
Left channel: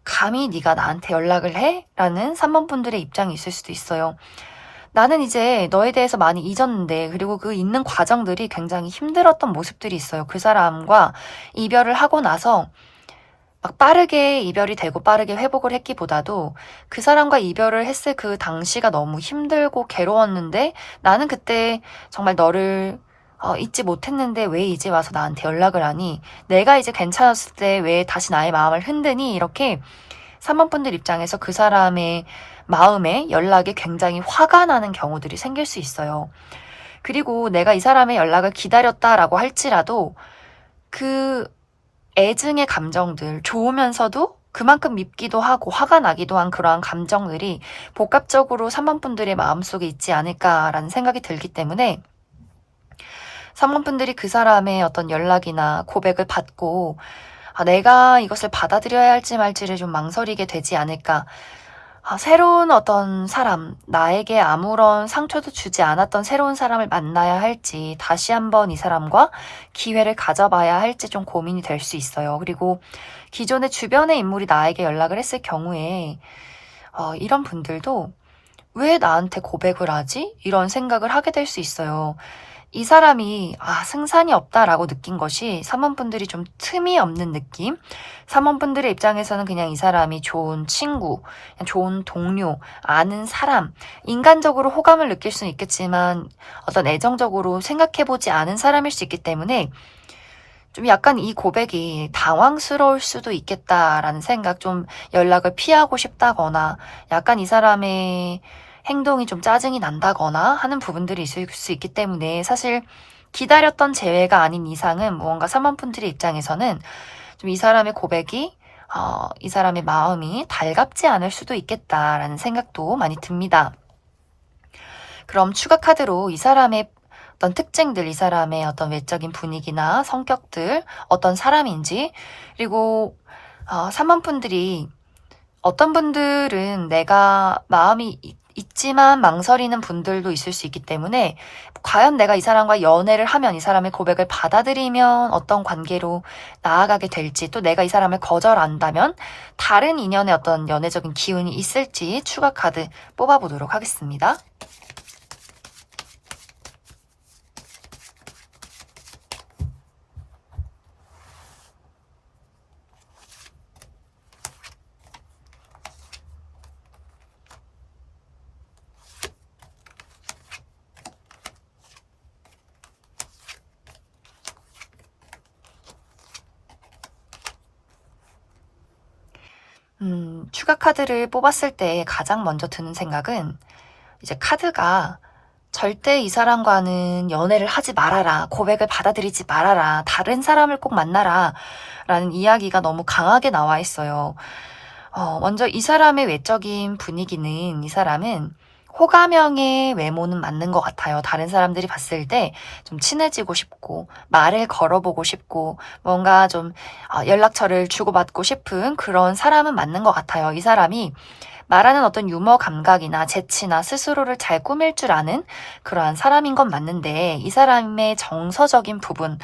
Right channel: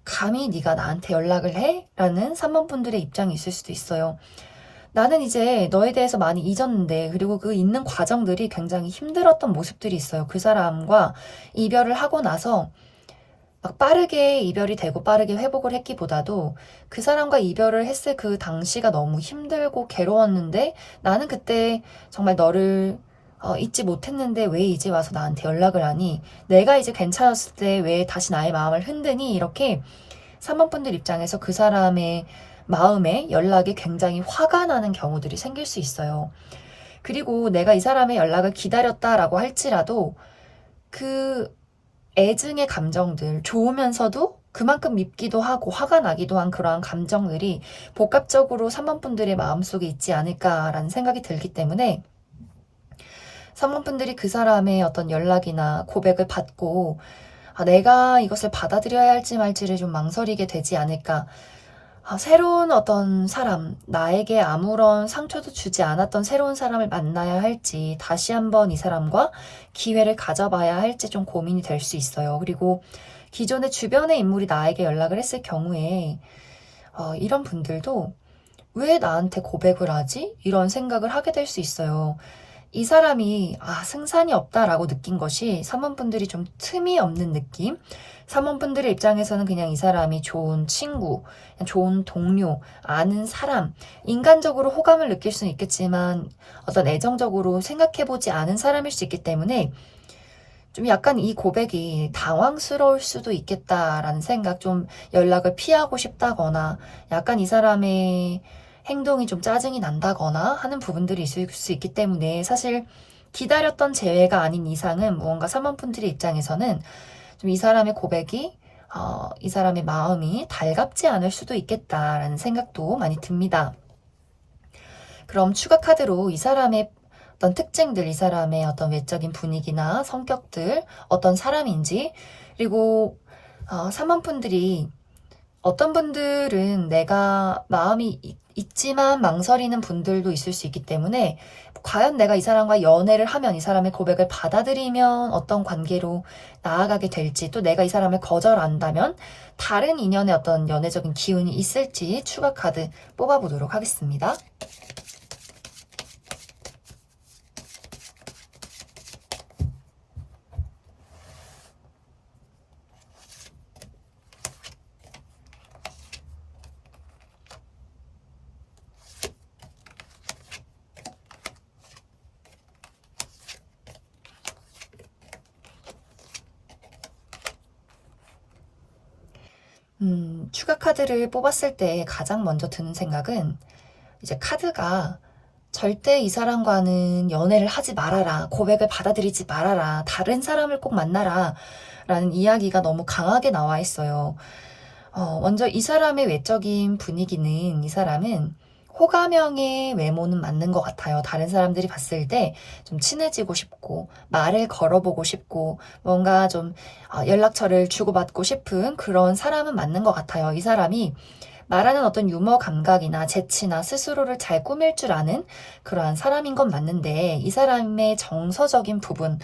감히 네가 나한테 연락을 해? 라는 3번 분들의 입장이 있을 수도 있어요. 나는 이제 너에 대해서 많이 잊었는데, 그리고 그 잊는 과정들이 굉장히 힘들었던 모습들이 있어요. 그 사람과 이별을 하고 나서 막 빠르게 이별이 되고 빠르게 회복을 했기보다도 그 사람과 이별을 했을 그 당시가 너무 힘들고 괴로웠는데 나는 그때 정말 너를 잊지 못했는데 왜 이제 와서 나한테 연락을 하니? 내가 이제 괜찮았을 때 왜 다시 나의 마음을 흔드니? 이렇게 3번 분들 입장에서 그 사람의 마음에 연락에 굉장히 화가 나는 경우들이 생길 수 있어요. 그리고 내가 이 사람의 연락을 기다렸다라고 할지라도 그 애증의 감정들, 좋으면서도 그만큼 밉기도 하고 화가 나기도 한 그러한 감정들이 복합적으로 3번 분들의 마음속에 있지 않을까라는 생각이 들기 때문에 3번 분들이 그 사람의 어떤 연락이나 고백을 받고 내가 이것을 받아들여야 할지 말지를 좀 망설이게 되지 않을까. 새로운 어떤 사람, 나에게 아무런 상처도 주지 않았던 새로운 사람을 만나야 할지, 다시 한번 이 사람과 기회를 가져봐야 할지 좀 고민이 될 수 있어요. 그리고 기존의 주변의 인물이 나에게 연락을 했을 경우에, 이런 분들도 왜 나한테 고백을 하지? 이런 생각을 하게 될 수 있어요. 이 사람이 승산이 없다라고 느낀 것이 사모분들이 좀 틈이 없는 느낌? 사모분들의 입장에서는 그냥 이 사람이 좋은 친구, 그냥 좋은 동료, 아는 사람, 인간적으로 호감을 느낄 수는 있겠지만 어떤 애정적으로 생각해보지 않은 사람일 수 있기 때문에 좀 약간 이 고백이 당황스러울 수도 있겠다라는 생각, 좀 연락을 피하고 싶다거나 약간 이 사람의 행동이 좀 짜증이 난다거나 하는 부분들이 있을 수 있기 때문에 사실 기다렸던 재회가 아닌 이상은 무언가 사모분들의 입장에서는 좀 이 사람의 고백이 이 사람의 마음이 달갑지 않을 수도 있겠다라는 생각도 많이 듭니다. 그럼 추가 카드로 이 사람의 어떤 특징들, 이 사람의 어떤 외적인 분위기나 성격들, 어떤 사람인지, 그리고 3번 분들이 어떤 분들은 내가 마음이 있지만 망설이는 분들도 있을 수 있기 때문에 과연 내가 이 사람과 연애를 하면 이 사람의 고백을 받아들이면 어떤 관계로 나아가게 될지, 또 내가 이 사람을 거절한다면 다른 인연의 어떤 연애적인 기운이 있을지 추가 카드 뽑아보도록 하겠습니다. 추가 카드를 뽑았을 때 가장 먼저 드는 생각은 이제 카드가 절대 이 사람과는 연애를 하지 말아라, 고백을 받아들이지 말아라, 다른 사람을 꼭 만나라 라는 이야기가 너무 강하게 나와 있어요. 먼저 이 사람의 외적인 분위기는, 이 사람은 호감형의 외모는 맞는 것 같아요. 다른 사람들이 봤을 때 좀 친해지고 싶고 말을 걸어보고 싶고 뭔가 좀 연락처를 주고받고 싶은 그런 사람은 맞는 것 같아요. 이 사람이 말하는 어떤 유머 감각이나 재치나 스스로를 잘 꾸밀 줄 아는 그러한 사람인 건 맞는데, 이 사람의 정서적인 부분,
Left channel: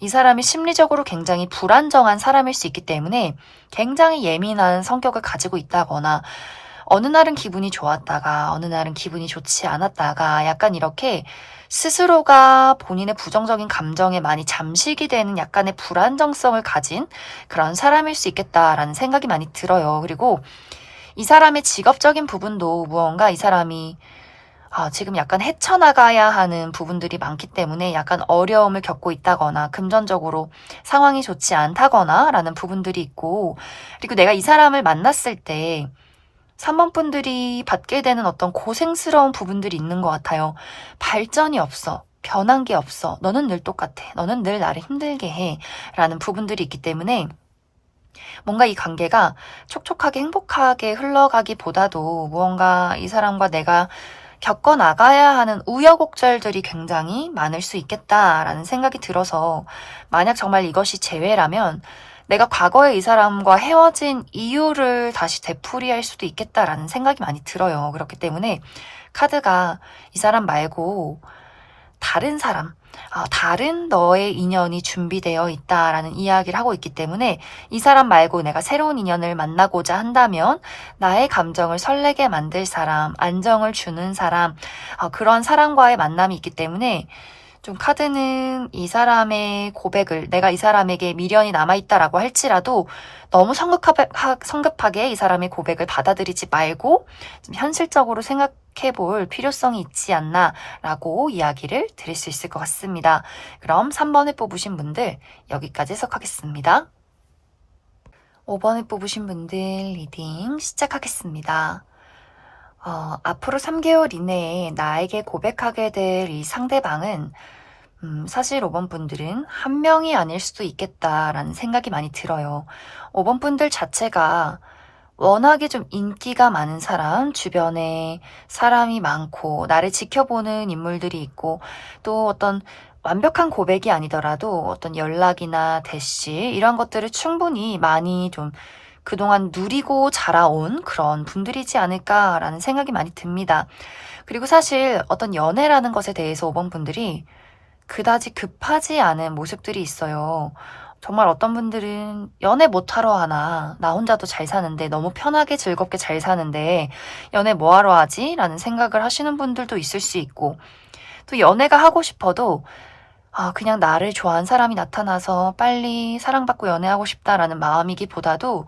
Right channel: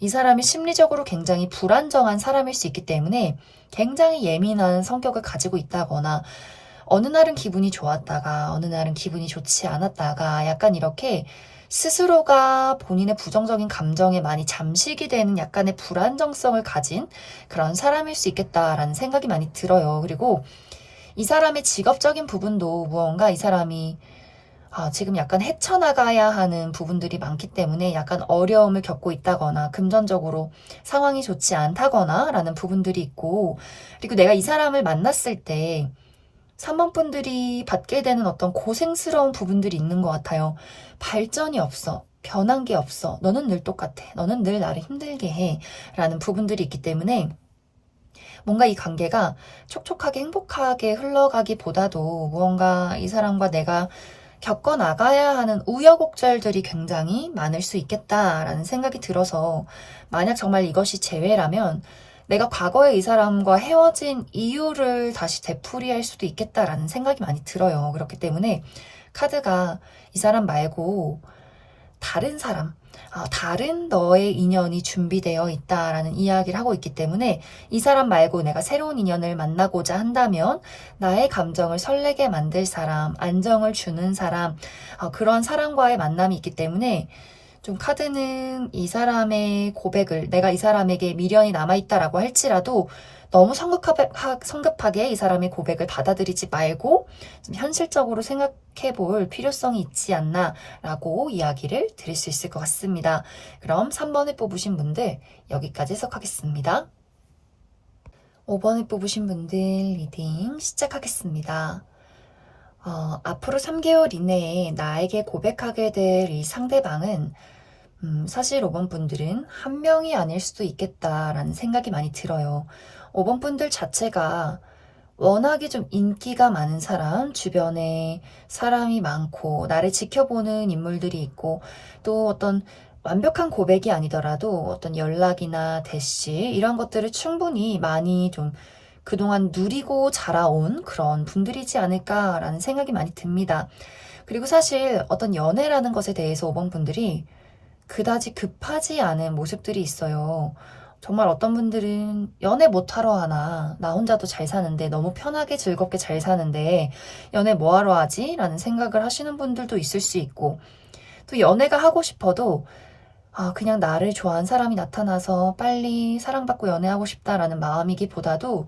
이 사람이 심리적으로 굉장히 불안정한 사람일 수 있기 때문에 굉장히 예민한 성격을 가지고 있다거나, 어느 날은 기분이 좋았다가 어느 날은 기분이 좋지 않았다가 약간 이렇게 스스로가 본인의 부정적인 감정에 많이 잠식이 되는 약간의 불안정성을 가진 그런 사람일 수 있겠다라는 생각이 많이 들어요. 그리고 이 사람의 직업적인 부분도 무언가 이 사람이 지금 약간 헤쳐나가야 하는 부분들이 많기 때문에 약간 어려움을 겪고 있다거나 금전적으로 상황이 좋지 않다거나 라는 부분들이 있고, 그리고 내가 이 사람을 만났을 때 3번 분들이 받게 되는 어떤 고생스러운 부분들이 있는 것 같아요. 발전이 없어. 변한 게 없어. 너는 늘 똑같아. 너는 늘 나를 힘들게 해. 라는 부분들이 있기 때문에 뭔가 이 관계가 촉촉하게 행복하게 흘러가기보다도 무언가 이 사람과 내가 겪어나가야 하는 우여곡절들이 굉장히 많을 수 있겠다라는 생각이 들어서, 만약 정말 이것이 재회라면 내가 과거에 이 사람과 헤어진 이유를 다시 되풀이할 수도 있겠다라는 생각이 많이 들어요. 그렇기 때문에 카드가 이 사람 말고 다른 사람, 다른 너의 인연이 준비되어 있다라는 이야기를 하고 있기 때문에 이 사람 말고 내가 새로운 인연을 만나고자 한다면 나의 감정을 설레게 만들 사람, 안정을 주는 사람, 그런 사람과의 만남이 있기 때문에 좀 카드는 이 사람의 고백을, 내가 이 사람에게 미련이 남아있다라고 할지라도 너무 성급하게 이 사람의 고백을 받아들이지 말고 좀 현실적으로 생각해 볼 필요성이 있지 않나라고 이야기를 드릴 수 있을 것 같습니다. 그럼 3번을 뽑으신 분들 여기까지 해석하겠습니다. 5번을 뽑으신 분들 리딩 시작하겠습니다. 앞으로 3개월 이내에 나에게 고백하게 될 이 상대방은 사실 5번 분들은 한 명이 아닐 수도 있겠다라는 생각이 많이 들어요. 5번 분들 자체가 워낙에 좀 인기가 많은 사람, 주변에 사람이 많고 나를 지켜보는 인물들이 있고, 또 어떤 완벽한 고백이 아니더라도 어떤 연락이나 대시 이런 것들을 충분히 많이 좀 그동안 누리고 자라온 그런 분들이지 않을까라는 생각이 많이 듭니다. 그리고 사실 어떤 연애라는 것에 대해서 5번 분들이 그다지 급하지 않은 모습들이 있어요. 정말 어떤 분들은 연애 못하러 하나? 나 혼자도 잘 사는데, 너무 편하게 즐겁게 잘 사는데, 연애 뭐하러 하지? 라는 생각을 하시는 분들도 있을 수 있고, 또 연애가 하고 싶어도, 그냥 나를 좋아하는 사람이 나타나서 빨리 사랑받고 연애하고 싶다라는 마음이기보다도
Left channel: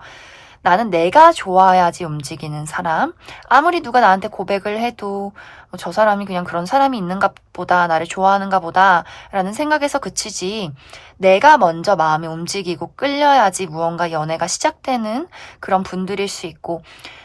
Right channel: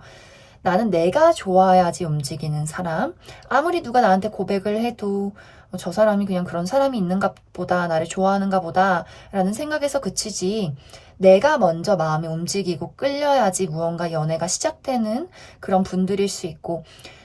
나는 내가 좋아야지 움직이는 사람. 아무리 누가 나한테 고백을 해도 저 사람이 그냥 그런 사람이 있는가 보다, 나를 좋아하는가 보다 라는 생각에서 그치지, 내가 먼저 마음이 움직이고 끌려야지 무언가 연애가 시작되는 그런 분들일 수 있고,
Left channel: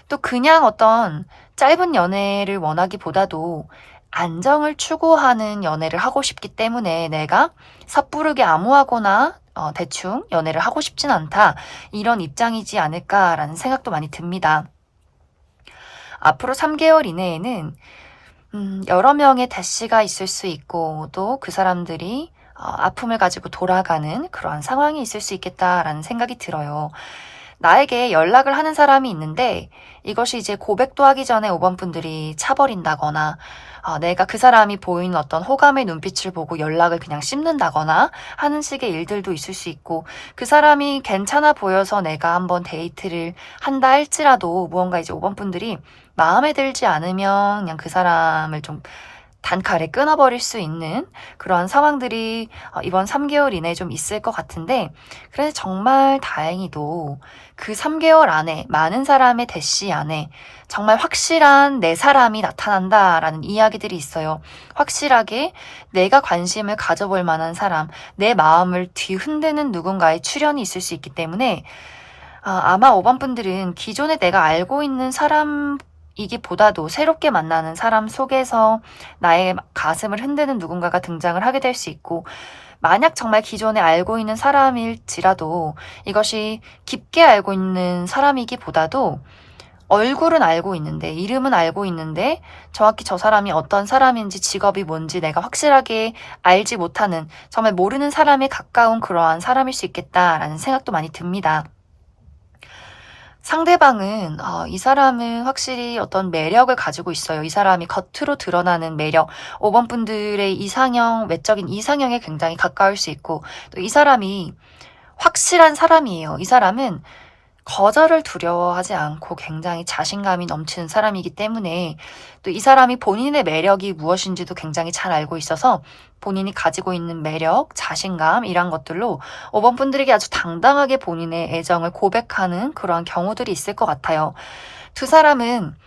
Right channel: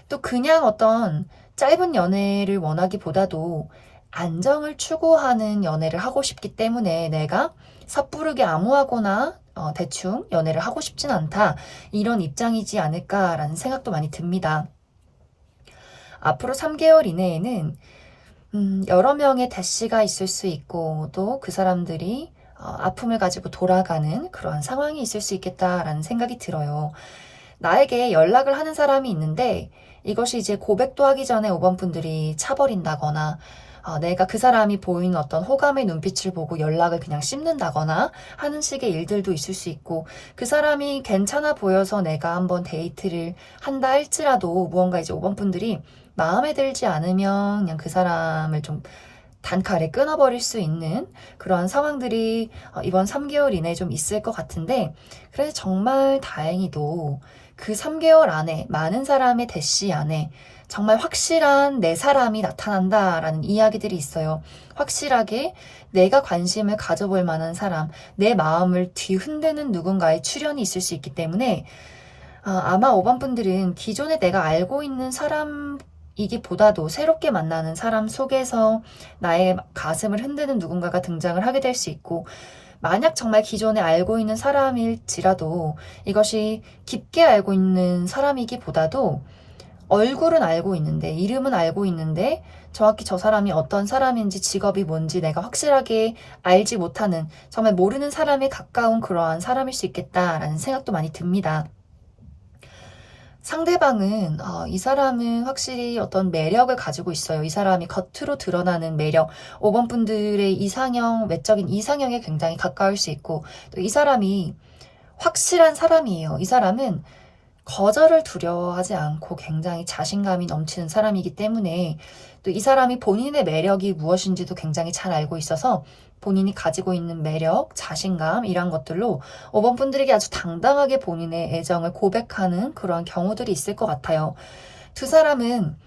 또 그냥 어떤 짧은 연애를 원하기보다도 안정을 추구하는 연애를 하고 싶기 때문에 내가 섣부르게 아무하거나 대충 연애를 하고 싶진 않다, 이런 입장이지 않을까라는 생각도 많이 듭니다. 앞으로 3개월 이내에는 여러 명의 대시가 있을 수 있고, 또 그 사람들이 아픔을 가지고 돌아가는 그러한 상황이 있을 수 있겠다라는 생각이 들어요. 나에게 연락을 하는 사람이 있는데 이것이 이제 고백도 하기 전에 5번 분들이 차버린다거나, 내가 그 사람이 보이는 어떤 호감의 눈빛을 보고 연락을 그냥 씹는다거나 하는 식의 일들도 있을 수 있고, 그 사람이 괜찮아 보여서 내가 한번 데이트를 한다 할지라도 무언가 이제 5번 분들이 마음에 들지 않으면 그냥 그 사람을 좀 단칼에 끊어버릴 수 있는 그러한 상황들이 이번 3개월 이내에 좀 있을 것 같은데, 그래서 정말 다행히도 그 3개월 안에 많은 사람의 대시 안에 정말 확실한 내 사람이 나타난다라는 이야기들이 있어요. 확실하게 내가 관심을 가져볼 만한 사람, 내 마음을 뒤흔드는 누군가의 출현이 있을 수 있기 때문에 아마 5번 분들은 기존에 내가 알고 있는 사람이기보다도 새롭게 만나는 사람 속에서 나의 가슴을 흔드는 누군가가 등장을 하게 될 수 있고, 만약 정말 기존에 알고 있는 사람일지라도 이것이 깊게 알고 있는 사람이기보다도 얼굴은 알고 있는데, 이름은 알고 있는데 정확히 저 사람이 어떤 사람인지, 직업이 뭔지 내가 확실하게 알지 못하는, 정말 모르는 사람에 가까운 그러한 사람일 수 있겠다라는 생각도 많이 듭니다. 상대방은 이 사람은 확실히 어떤 매력을 가지고 있어요. 이 사람이 겉으로 드러나는 매력, 5번 분들의 이상형, 외적인 이상형에 굉장히 가까울 수 있고, 또 이 사람이 확실한 사람이에요. 이 사람은 거절을 두려워하지 않고 굉장히 자신감이 넘치는 사람이기 때문에, 또 이 사람이 본인의 매력이 무엇인지도 굉장히 잘 알고 있어서 본인이 가지고 있는 매력, 자신감, 이런 것들로 5번 분들에게 아주 당당하게 본인의 애정을 고백하는 그러한 경우들이 있을 것 같아요. 두 사람은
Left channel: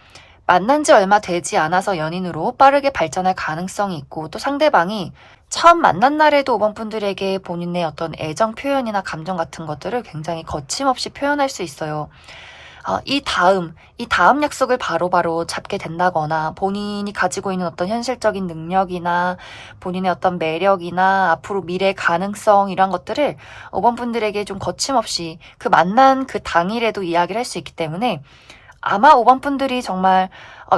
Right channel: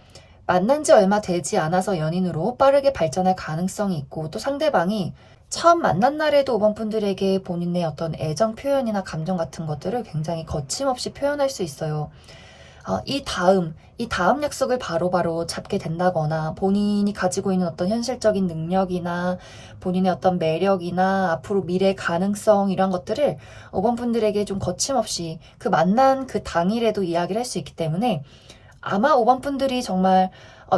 만난 지 얼마 되지 않아서 연인으로 빠르게 발전할 가능성이 있고, 또 상대방이 처음 만난 날에도 5번 분들에게 본인의 어떤 애정 표현이나 감정 같은 것들을 굉장히 거침없이 표현할 수 있어요. 이 다음 약속을 바로바로 잡게 된다거나, 본인이 가지고 있는 어떤 현실적인 능력이나 본인의 어떤 매력이나 앞으로 미래 가능성, 이런 것들을 5번 분들에게 좀 거침없이 그 만난 그 당일에도 이야기를 할 수 있기 때문에, 아마 5번 분들이 정말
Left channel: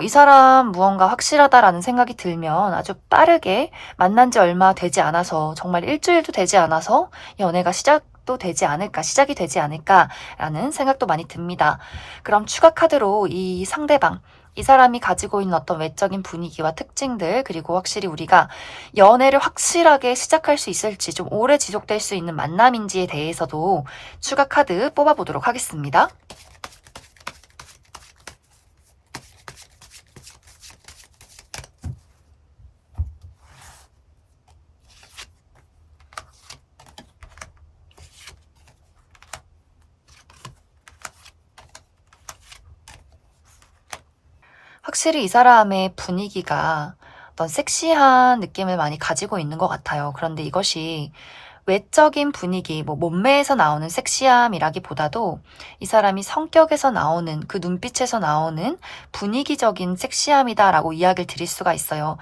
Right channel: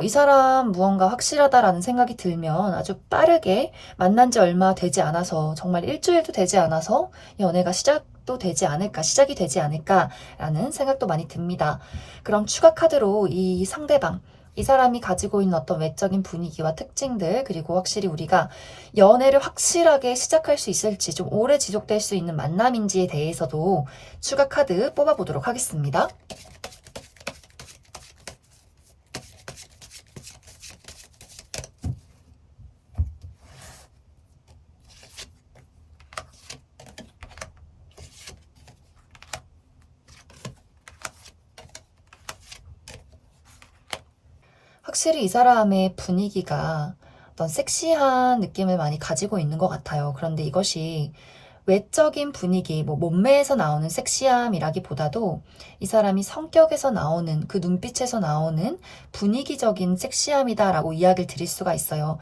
이 사람 무언가 확실하다라는 생각이 들면 아주 빠르게, 만난 지 얼마 되지 않아서, 정말 일주일도 되지 않아서 연애가 시작이 되지 않을까라는 생각도 많이 듭니다. 그럼 추가 카드로 이 상대방, 이 사람이 가지고 있는 어떤 외적인 분위기와 특징들, 그리고 확실히 우리가 연애를 확실하게 시작할 수 있을지, 좀 오래 지속될 수 있는 만남인지에 대해서도 추가 카드 뽑아보도록 하겠습니다. 확실히 이 사람의 분위기가 어떤 섹시한 느낌을 많이 가지고 있는 것 같아요. 그런데 이것이 외적인 분위기, 몸매에서 나오는 섹시함이라기보다도 이 사람이 성격에서 나오는, 그 눈빛에서 나오는 분위기적인 섹시함이다라고 이야기를 드릴 수가 있어요.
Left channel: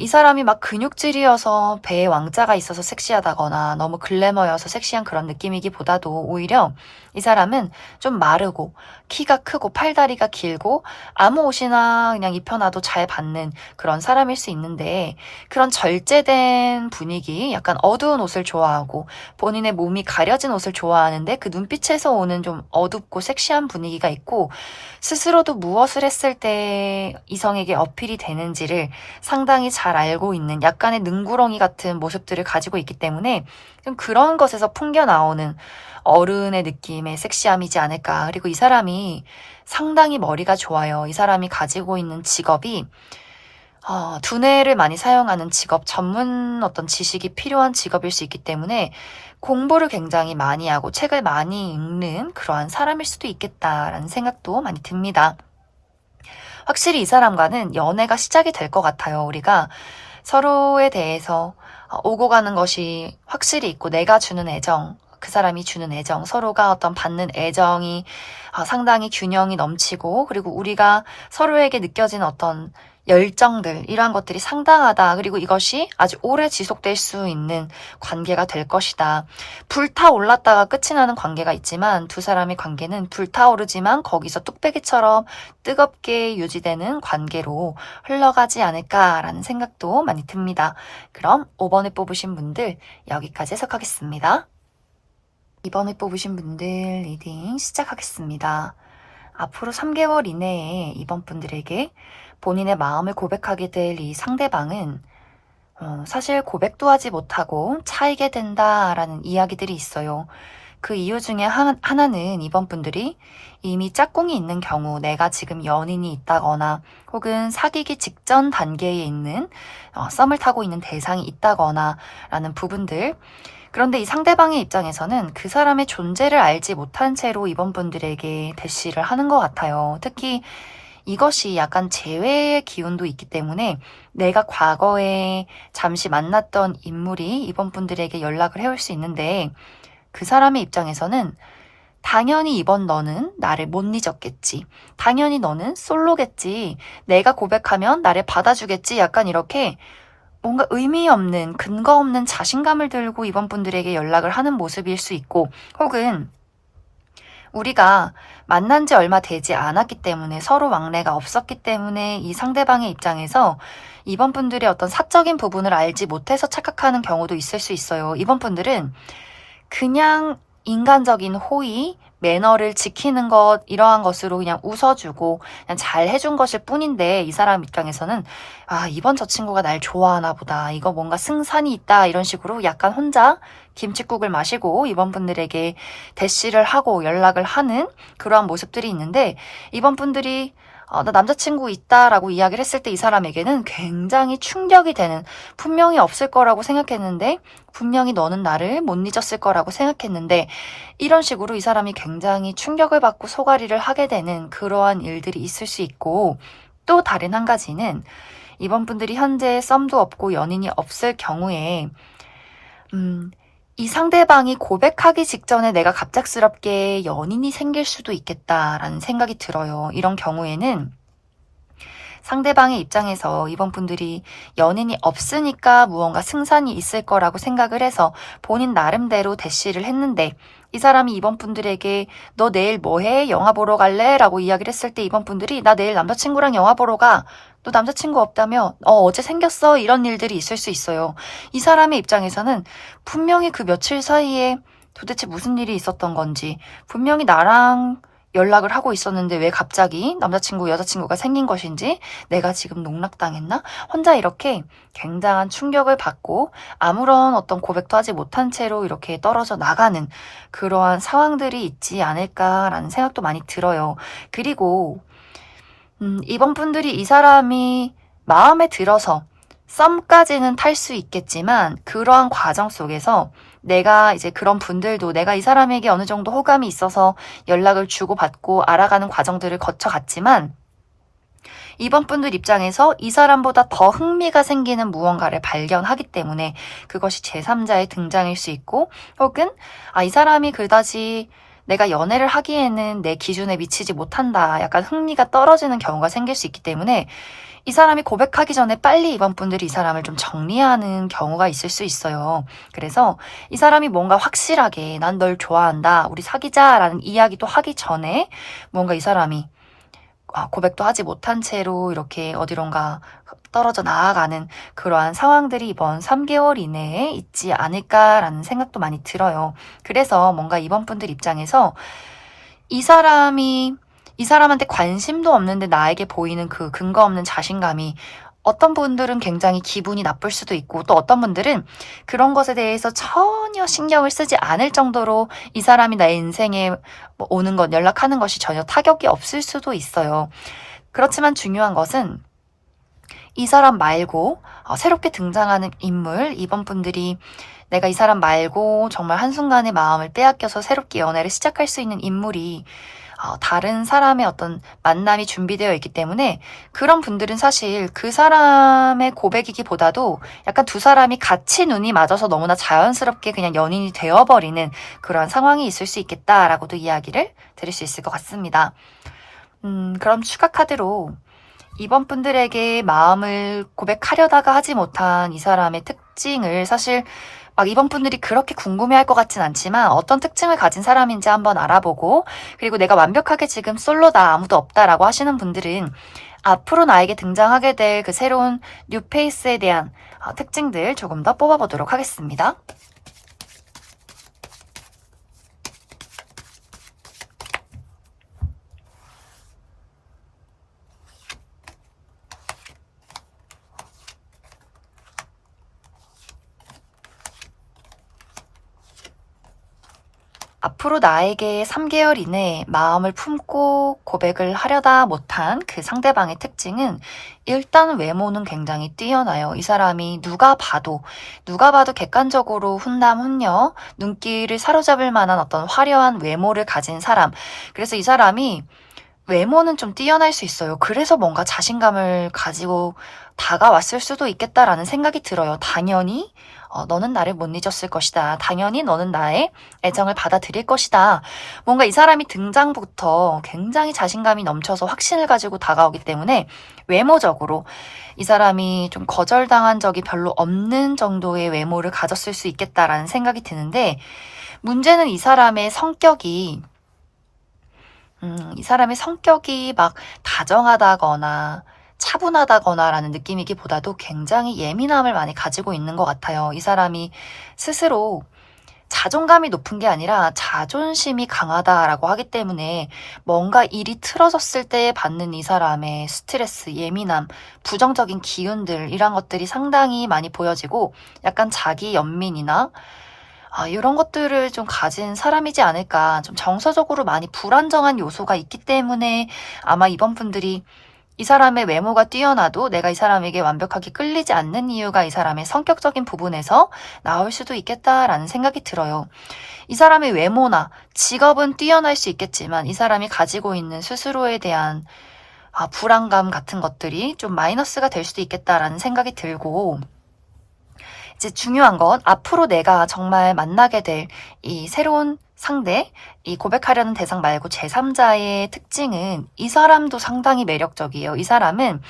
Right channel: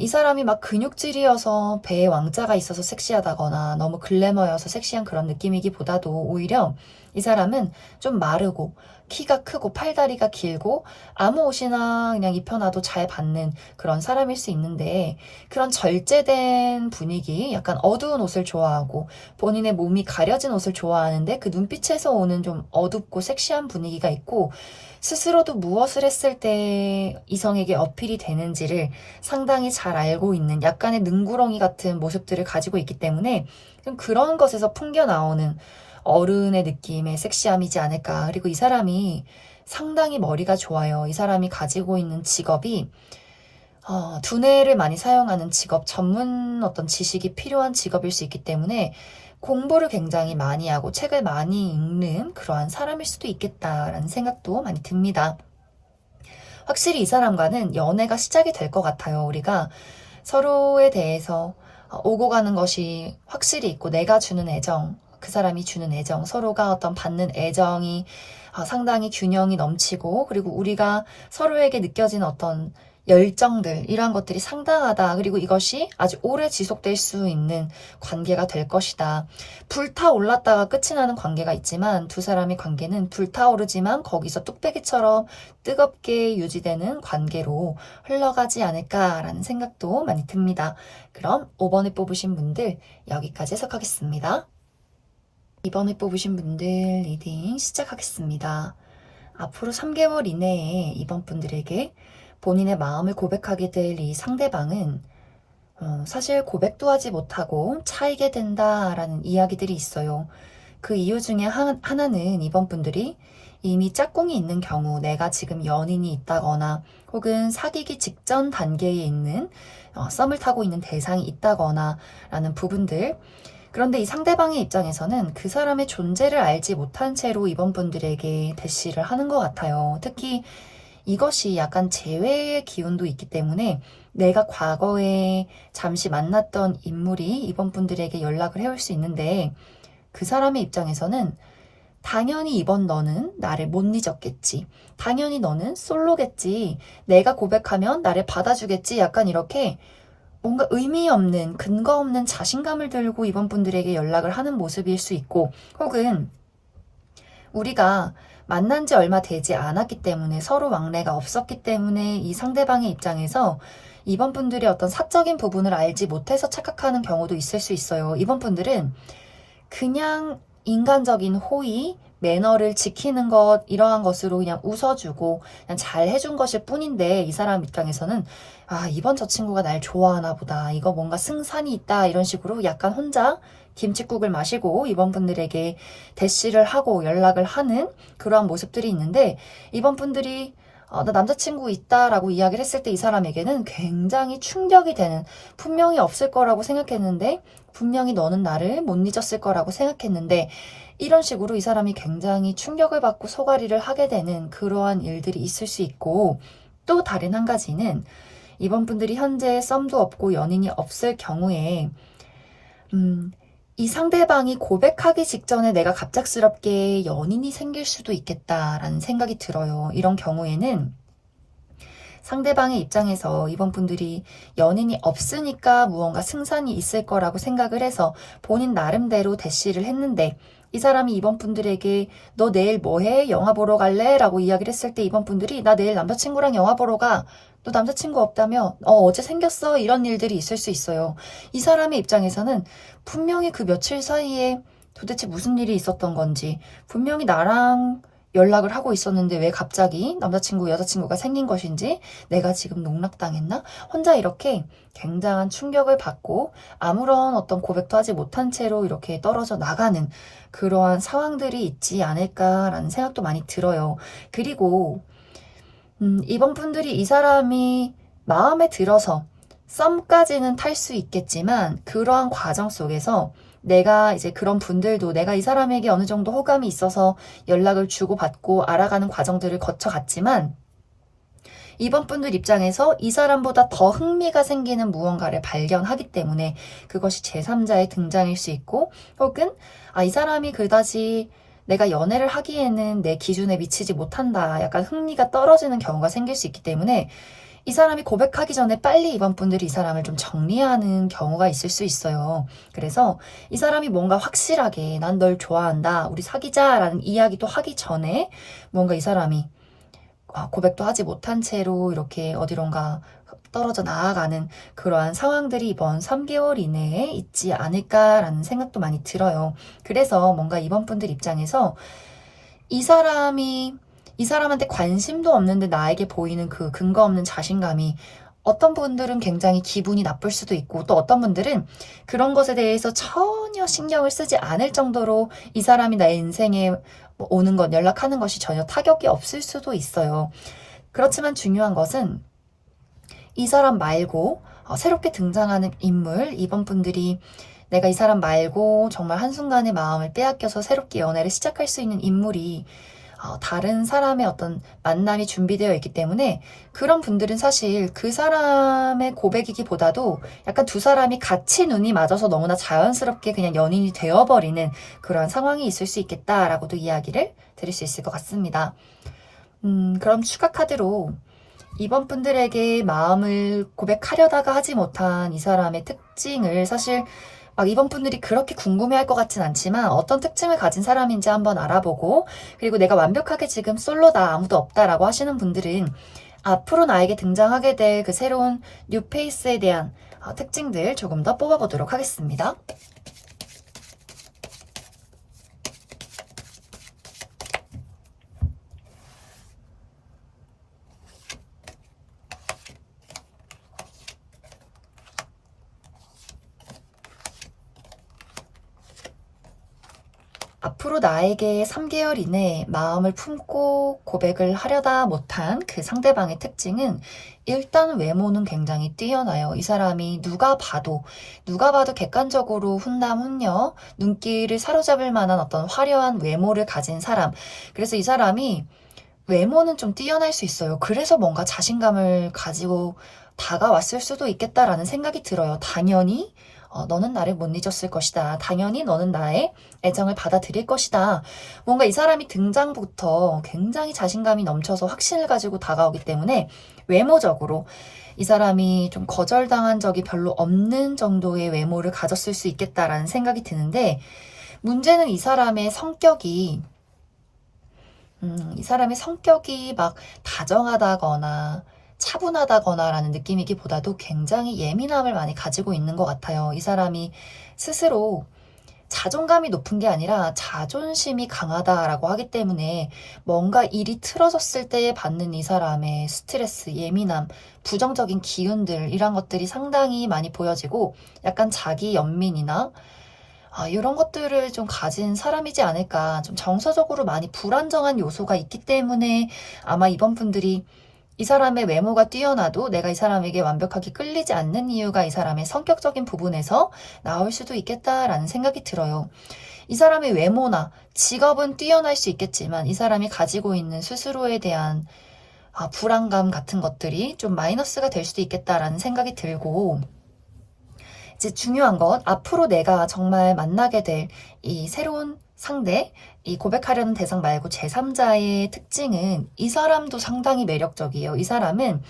이 사람이 막 근육질이어서 배에 왕자가 있어서 섹시하다거나 너무 글래머여서 섹시한 그런 느낌이기보다도 오히려 이 사람은 좀 마르고 키가 크고 팔다리가 길고 아무 옷이나 그냥 입혀놔도 잘 받는 그런 사람일 수 있는데, 그런 절제된 분위기, 약간 어두운 옷을 좋아하고 본인의 몸이 가려진 옷을 좋아하는데 그 눈빛에서 오는 좀 어둡고 섹시한 분위기가 있고, 스스로도 무엇을 했을 때 이성에게 어필이 되는지를 상당히 잘 알고 있는 약간의 능구렁이 같은 모습들을 가지고 있기 때문에 좀 그런 것에서 풍겨 나오는 어른의 느낌의 섹시함이지 않을까. 그리고 이 사람이 상당히 머리가 좋아요. 이 사람이 가지고 있는 직업이 두뇌를 많이 사용하는 직업, 전문 어떤 지식이 필요한 직업일 수 있기 때문에 공부를 굉장히 많이 하고 책을 많이 읽는 그러한 사람일 수도 있겠다라는 생각도 많이 듭니다. 확실히 이 사람과는 연애가 시작이 될 것 같아요. 우리가 서로에 대해서 오고 가는 것이 확실히 있고, 내가 주는 애정, 그 사람이 주는 애정, 서로가 어떤 받는 애정이 상당히 균형이 넘치고, 그리고 우리가 서로에게 느껴지는 어떤 열정들, 이러한 것들이 상당하다. 그리고 이것이 아주 오래 지속될 수 있는 관계가 될 것이다. 불타올랐다가 끝이 나는 관계가 있지만 두 사람의 관계는 불타오르지만 거기서 뚝배기처럼 뜨겁게 유지되는 관계로 흘러가지 않을까라는 생각도 많이 듭니다. 그럼 5번을 뽑으신 분들 여기까지 해석하겠습니다. 2번을 뽑으신 분들 리딩 시작하겠습니다. 앞으로 3개월 이내에 이번 분들에게 본인의 마음을 고백하게 될 이 상대방은 사실 고백도 하지 못하고 차이게 된다라는 이야기들이 있어요. 그 이유 중에 하나는 이번 분들이 이미 짝꿍이 있는 경우, 내가 지금 연인이 있다거나 혹은 사귀기 직전 단계에 있는 썸을 타고 있는 대상이 있다거나 라는 부분들. 그런데 이 상대방의 입장에서는 그 사람의 존재를 알지 못한 채로 이번 분들에게 대시를 하는 것 같아요. 특히 이것이 약간 재회의 기운도 있기 때문에 내가 과거에 잠시 만났던 인물이 이번 분들에게 연락을 해올 수 있는데, 그 사람의 입장에서는 당연히 이번 너는 나를 못 잊었겠지. 당연히 너는 솔로겠지. 내가 고백하면 나를 받아주겠지. 약간 이렇게 뭔가 의미 없는, 근거 없는 자신감을 들고 이번 분들에게 연락을 하는 모습일 수 있고, 혹은 우리가 만난 지 얼마 되지 않았기 때문에, 서로 왕래가 없었기 때문에 이 상대방의 입장에서 이번 분들의 어떤 사적인 부분을 알지 못해서 착각하는 경우도 있을 수 있어요. 이번 분들은 그냥 인간적인 호의, 매너를 지키는 것, 이러한 것으로 그냥 웃어주고 그냥 잘 해준 것일 뿐인데, 이 사람 입장에서는 이번 저 친구가 날 좋아하나 보다, 이거 뭔가 승산이 있다, 이런 식으로 약간 혼자 김칫국을 마시고 이번 분들에게 대시를 하고 연락을 하는 그러한 모습들이 있는데, 이번 분들이 나 남자친구 있다라고 이야기를 했을 때 이 사람에게는 굉장히 충격이 되는, 분명히 없을 거라고 생각했는데, 분명히 너는 나를 못 잊었을 거라고 생각했는데, 이런 식으로 이 사람이 굉장히 충격을 받고 소가리를 하게 되는 그러한 일들이 있을 수 있고, 또 다른 한 가지는 이번 분들이 현재 썸도 없고 연인이 없을 경우에 이 상대방이 고백하기 직전에 내가 갑작스럽게 연인이 생길 수도 있겠다라는 생각이 들어요. 이런 경우에는 상대방의 입장에서 이번 분들이 연인이 없으니까 무언가 승산이 있을 거라고 생각을 해서 본인 나름대로 대시를 했는데, 이 사람이 이번 분들에게 너 내일 뭐 해? 영화 보러 갈래? 라고 이야기를 했을 때 이번 분들이 나 내일 남자친구랑 영화 보러 가. 너 남자친구 없다며? 어제 생겼어. 이런 일들이 있을 수 있어요. 이 사람의 입장에서는 분명히 그 며칠 사이에 도대체 무슨 일이 있었던 건지, 분명히 나랑 연락을 하고 있었는데 왜 갑자기 남자친구, 여자친구가 생긴 것인지, 내가 지금 농락당했나? 혼자 이렇게 굉장한 충격을 받고 아무런 어떤 고백도 하지 못한 채로 이렇게 떨어져 나가는 그러한 상황들이 있지 않을까라는 생각도 많이 들어요. 그리고 이번 분들이 이 사람이 마음에 들어서 썸까지는 탈 수 있겠지만, 그러한 과정 속에서 내가 이제 그런 분들도 내가 이 사람에게 어느 정도 호감이 있어서 연락을 주고받고 알아가는 과정들을 거쳐갔지만, 이번 분들 입장에서 이 사람보다 더 흥미가 생기는 무언가를 발견하기 때문에 그것이 제3자의 등장일 수 있고, 혹은 이 사람이 그다지 내가 연애를 하기에는 내 기준에 미치지 못한다, 약간 흥미가 떨어지는 경우가 생길 수 있기 때문에 이 사람이 고백하기 전에 빨리 이번 분들이 이 사람을 좀 정리하는 경우가 있을 수 있어요. 그래서 이 사람이 뭔가 확실하게 난 널 좋아한다, 우리 사귀자라는 이야기도 하기 전에 뭔가 이 사람이 고백도 하지 못한 채로 이렇게 어디론가 떨어져 나아가는 그러한 상황들이 이번 3개월 이내에 있지 않을까라는 생각도 많이 들어요. 그래서 뭔가 이번 분들 입장에서 이 사람한테 관심도 없는데 나에게 보이는 그 근거 없는 자신감이 어떤 분들은 굉장히 기분이 나쁠 수도 있고, 또 어떤 분들은 그런 것에 대해서 전혀 신경을 쓰지 않을 정도로 이 사람이 나의 인생에 오는 것, 연락하는 것이 전혀 타격이 없을 수도 있어요. 그렇지만 중요한 것은 이 사람 말고 새롭게 등장하는 인물, 이번 분들이 내가 이 사람 말고 정말 한순간에 마음을 빼앗겨서 새롭게 연애를 시작할 수 있는 인물이 다른 사람의 어떤 만남이 준비되어 있기 때문에, 그런 분들은 사실 그 사람의 고백이기보다도 약간 두 사람이 같이 눈이 맞아서 너무나 자연스럽게 그냥 연인이 되어버리는 그런 상황이 있을 수 있겠다라고도 이야기를 드릴 수 있을 것 같습니다. 그럼 추가 카드로 이번 분들에게 마음을 고백하려다가 하지 못한 이 사람의 특징을, 사실 막 이번 분들이 그렇게 궁금해할 것 같진 않지만 어떤 특징을 가진 사람인지 한번 알아보고, 그리고 내가 완벽하게 지금 솔로다, 아무도 없다라고 하시는 분들은 앞으로 나에게 등장하게 될 그 새로운 뉴페이스에 대한 특징들 조금 더 뽑아보도록 하겠습니다. 앞으로 나에게 3개월 이내에 마음을 품고 고백을 하려다 못한 그 상대방의 특징은, 일단 외모는 굉장히 뛰어나요. 이 사람이 누가 봐도 객관적으로 훈남 훈녀, 눈길을 사로잡을 만한 어떤 화려한 외모를 가진 사람. 그래서 이 사람이 외모는 좀 뛰어날 수 있어요. 그래서 뭔가 자신감을 가지고 다가왔을 수도 있겠다라는 생각이 들어요. 당연히 너는 나를 못 잊었을 것이다. 당연히 너는 나의 애정을 받아들일 것이다. 뭔가 이 사람이 등장부터 굉장히 자신감이 넘쳐서 확신을 가지고 다가오기 때문에 외모적으로 이 사람이 좀 거절당한 적이 별로 없는 정도의 외모를 가졌을 수 있겠다라는 생각이 드는데, 문제는 이 사람의 성격이 막 다정하다거나 차분하다거나라는 느낌이기보다도 굉장히 예민함을 많이 가지고 있는 것 같아요. 이 사람이 스스로 자존감이 높은 게 아니라 자존심이 강하다라고 하기 때문에 뭔가 일이 틀어졌을 때 받는 이 사람의 스트레스, 예민함, 부정적인 기운들, 이런 것들이 상당히 많이 보여지고, 약간 자기 연민이나 이런 것들을 좀 가진 사람이지 않을까. 좀 정서적으로 많이 불안정한 요소가 있기 때문에 아마 이번 분들이 이 사람의 외모가 뛰어나도 내가 이 사람에게 완벽하게 끌리지 않는 이유가 이 사람의 성격적인 부분에서 나올 수도 있겠다라는 생각이 들어요. 이 사람의 외모나 직업은 뛰어날 수 있겠지만 이 사람이 가지고 있는 스스로에 대한 불안감 같은 것들이 좀 마이너스가 될 수도 있겠다라는 생각이 들고, 이제 중요한 건 앞으로 내가 정말 만나게 될 이 새로운 상대, 이 고백하려는 대상 말고 제3자의 특징은, 이 사람도 상당히 매력적이에요. 이 사람은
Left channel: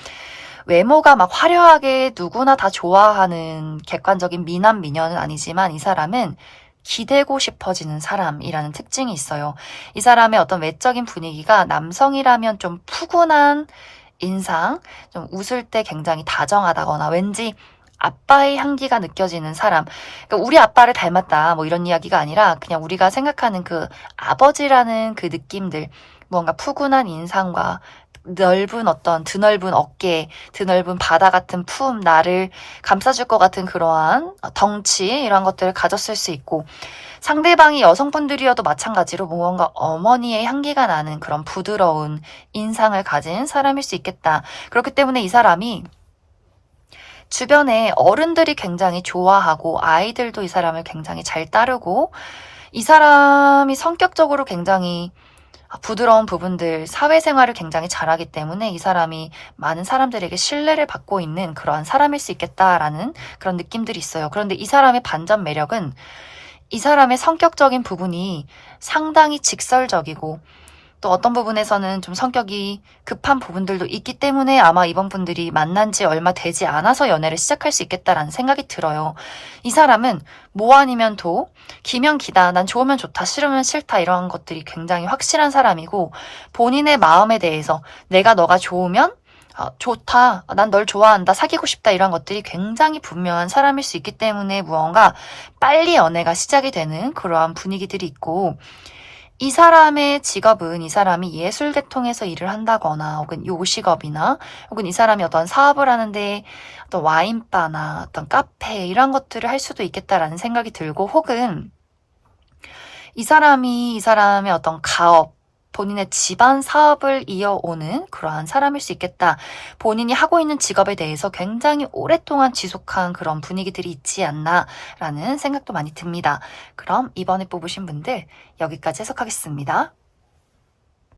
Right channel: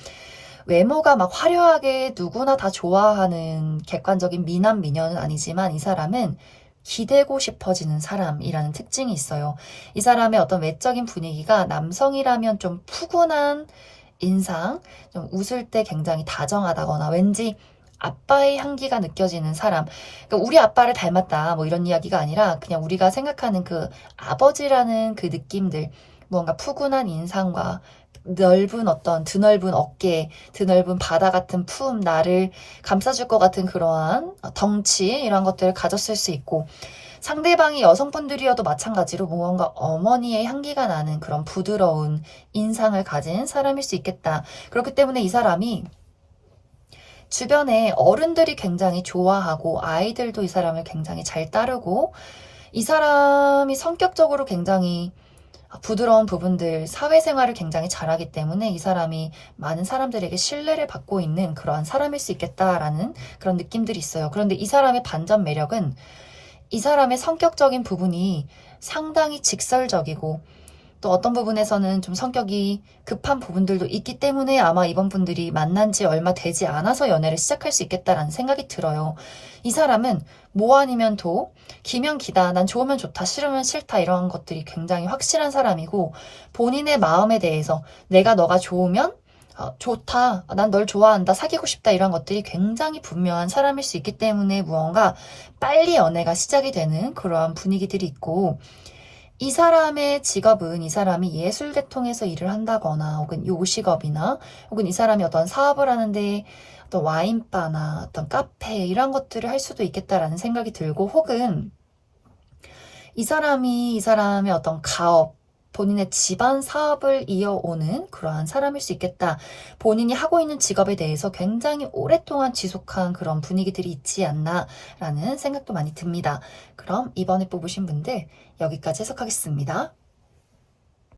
외모가 막 화려하게 누구나 다 좋아하는 객관적인 미남 미녀는 아니지만, 이 사람은 기대고 싶어지는 사람이라는 특징이 있어요. 이 사람의 어떤 외적인 분위기가 남성이라면 좀 푸근한 인상, 좀 웃을 때 굉장히 다정하다거나 왠지 아빠의 향기가 느껴지는 사람. 그러니까 우리 아빠를 닮았다 뭐 이런 이야기가 아니라, 그냥 우리가 생각하는 그 아버지라는 그 느낌들, 뭔가 푸근한 인상과 넓은 어떤 드넓은 어깨, 드넓은 바다 같은 품, 나를 감싸줄 것 같은 그러한 덩치, 이런 것들을 가졌을 수 있고, 상대방이 여성분들이어도 마찬가지로 뭔가 어머니의 향기가 나는 그런 부드러운 인상을 가진 사람일 수 있겠다. 그렇기 때문에 이 사람이 주변에 어른들이 굉장히 좋아하고, 아이들도 이 사람을 굉장히 잘 따르고, 이 사람이 성격적으로 굉장히 부드러운 부분들, 사회생활을 굉장히 잘하기 때문에 이 사람이 많은 사람들에게 신뢰를 받고 있는 그러한 사람일 수 있겠다라는 그런 느낌들이 있어요. 그런데 이 사람의 반전 매력은, 이 사람의 성격적인 부분이 상당히 직설적이고 또 어떤 부분에서는 좀 성격이 급한 부분들도 있기 때문에 아마 이번 분들이 만난 지 얼마 되지 않아서 연애를 시작할 수 있겠다라는 생각이 들어요. 이 사람은 뭐 아니면 도, 기면 기다, 난 좋으면 좋다, 싫으면 싫다 이런 것들이 굉장히 확실한 사람이고 본인의 마음에 대해서 내가 너가 좋으면 좋다, 난 널 좋아한다, 사귀고 싶다 이런 것들이 굉장히 분명한 사람일 수 있기 때문에 무언가 빨리 연애가 시작이 되는 그러한 분위기들이 있고 이 사람의 직업은 이 사람이 예술 계통에서 일을 한다거나 혹은 요식업이나 혹은 이 사람이 어떤 사업을 하는데 어떤 와인바나 어떤 카페 이런 것들을 할 수도 있겠다라는 생각이 들고 혹은 이 사람의 어떤 가업 본인의 집안 사업을 이어오는 그러한 사람일 수 있겠다. 본인이 하고 있는 직업에 대해서 굉장히 오랫동안 지속한 그런 분위기들이 있지 않나라는 생각도 많이 듭니다. 그럼 이번에 뽑으신 분들 여기까지 해석하겠습니다.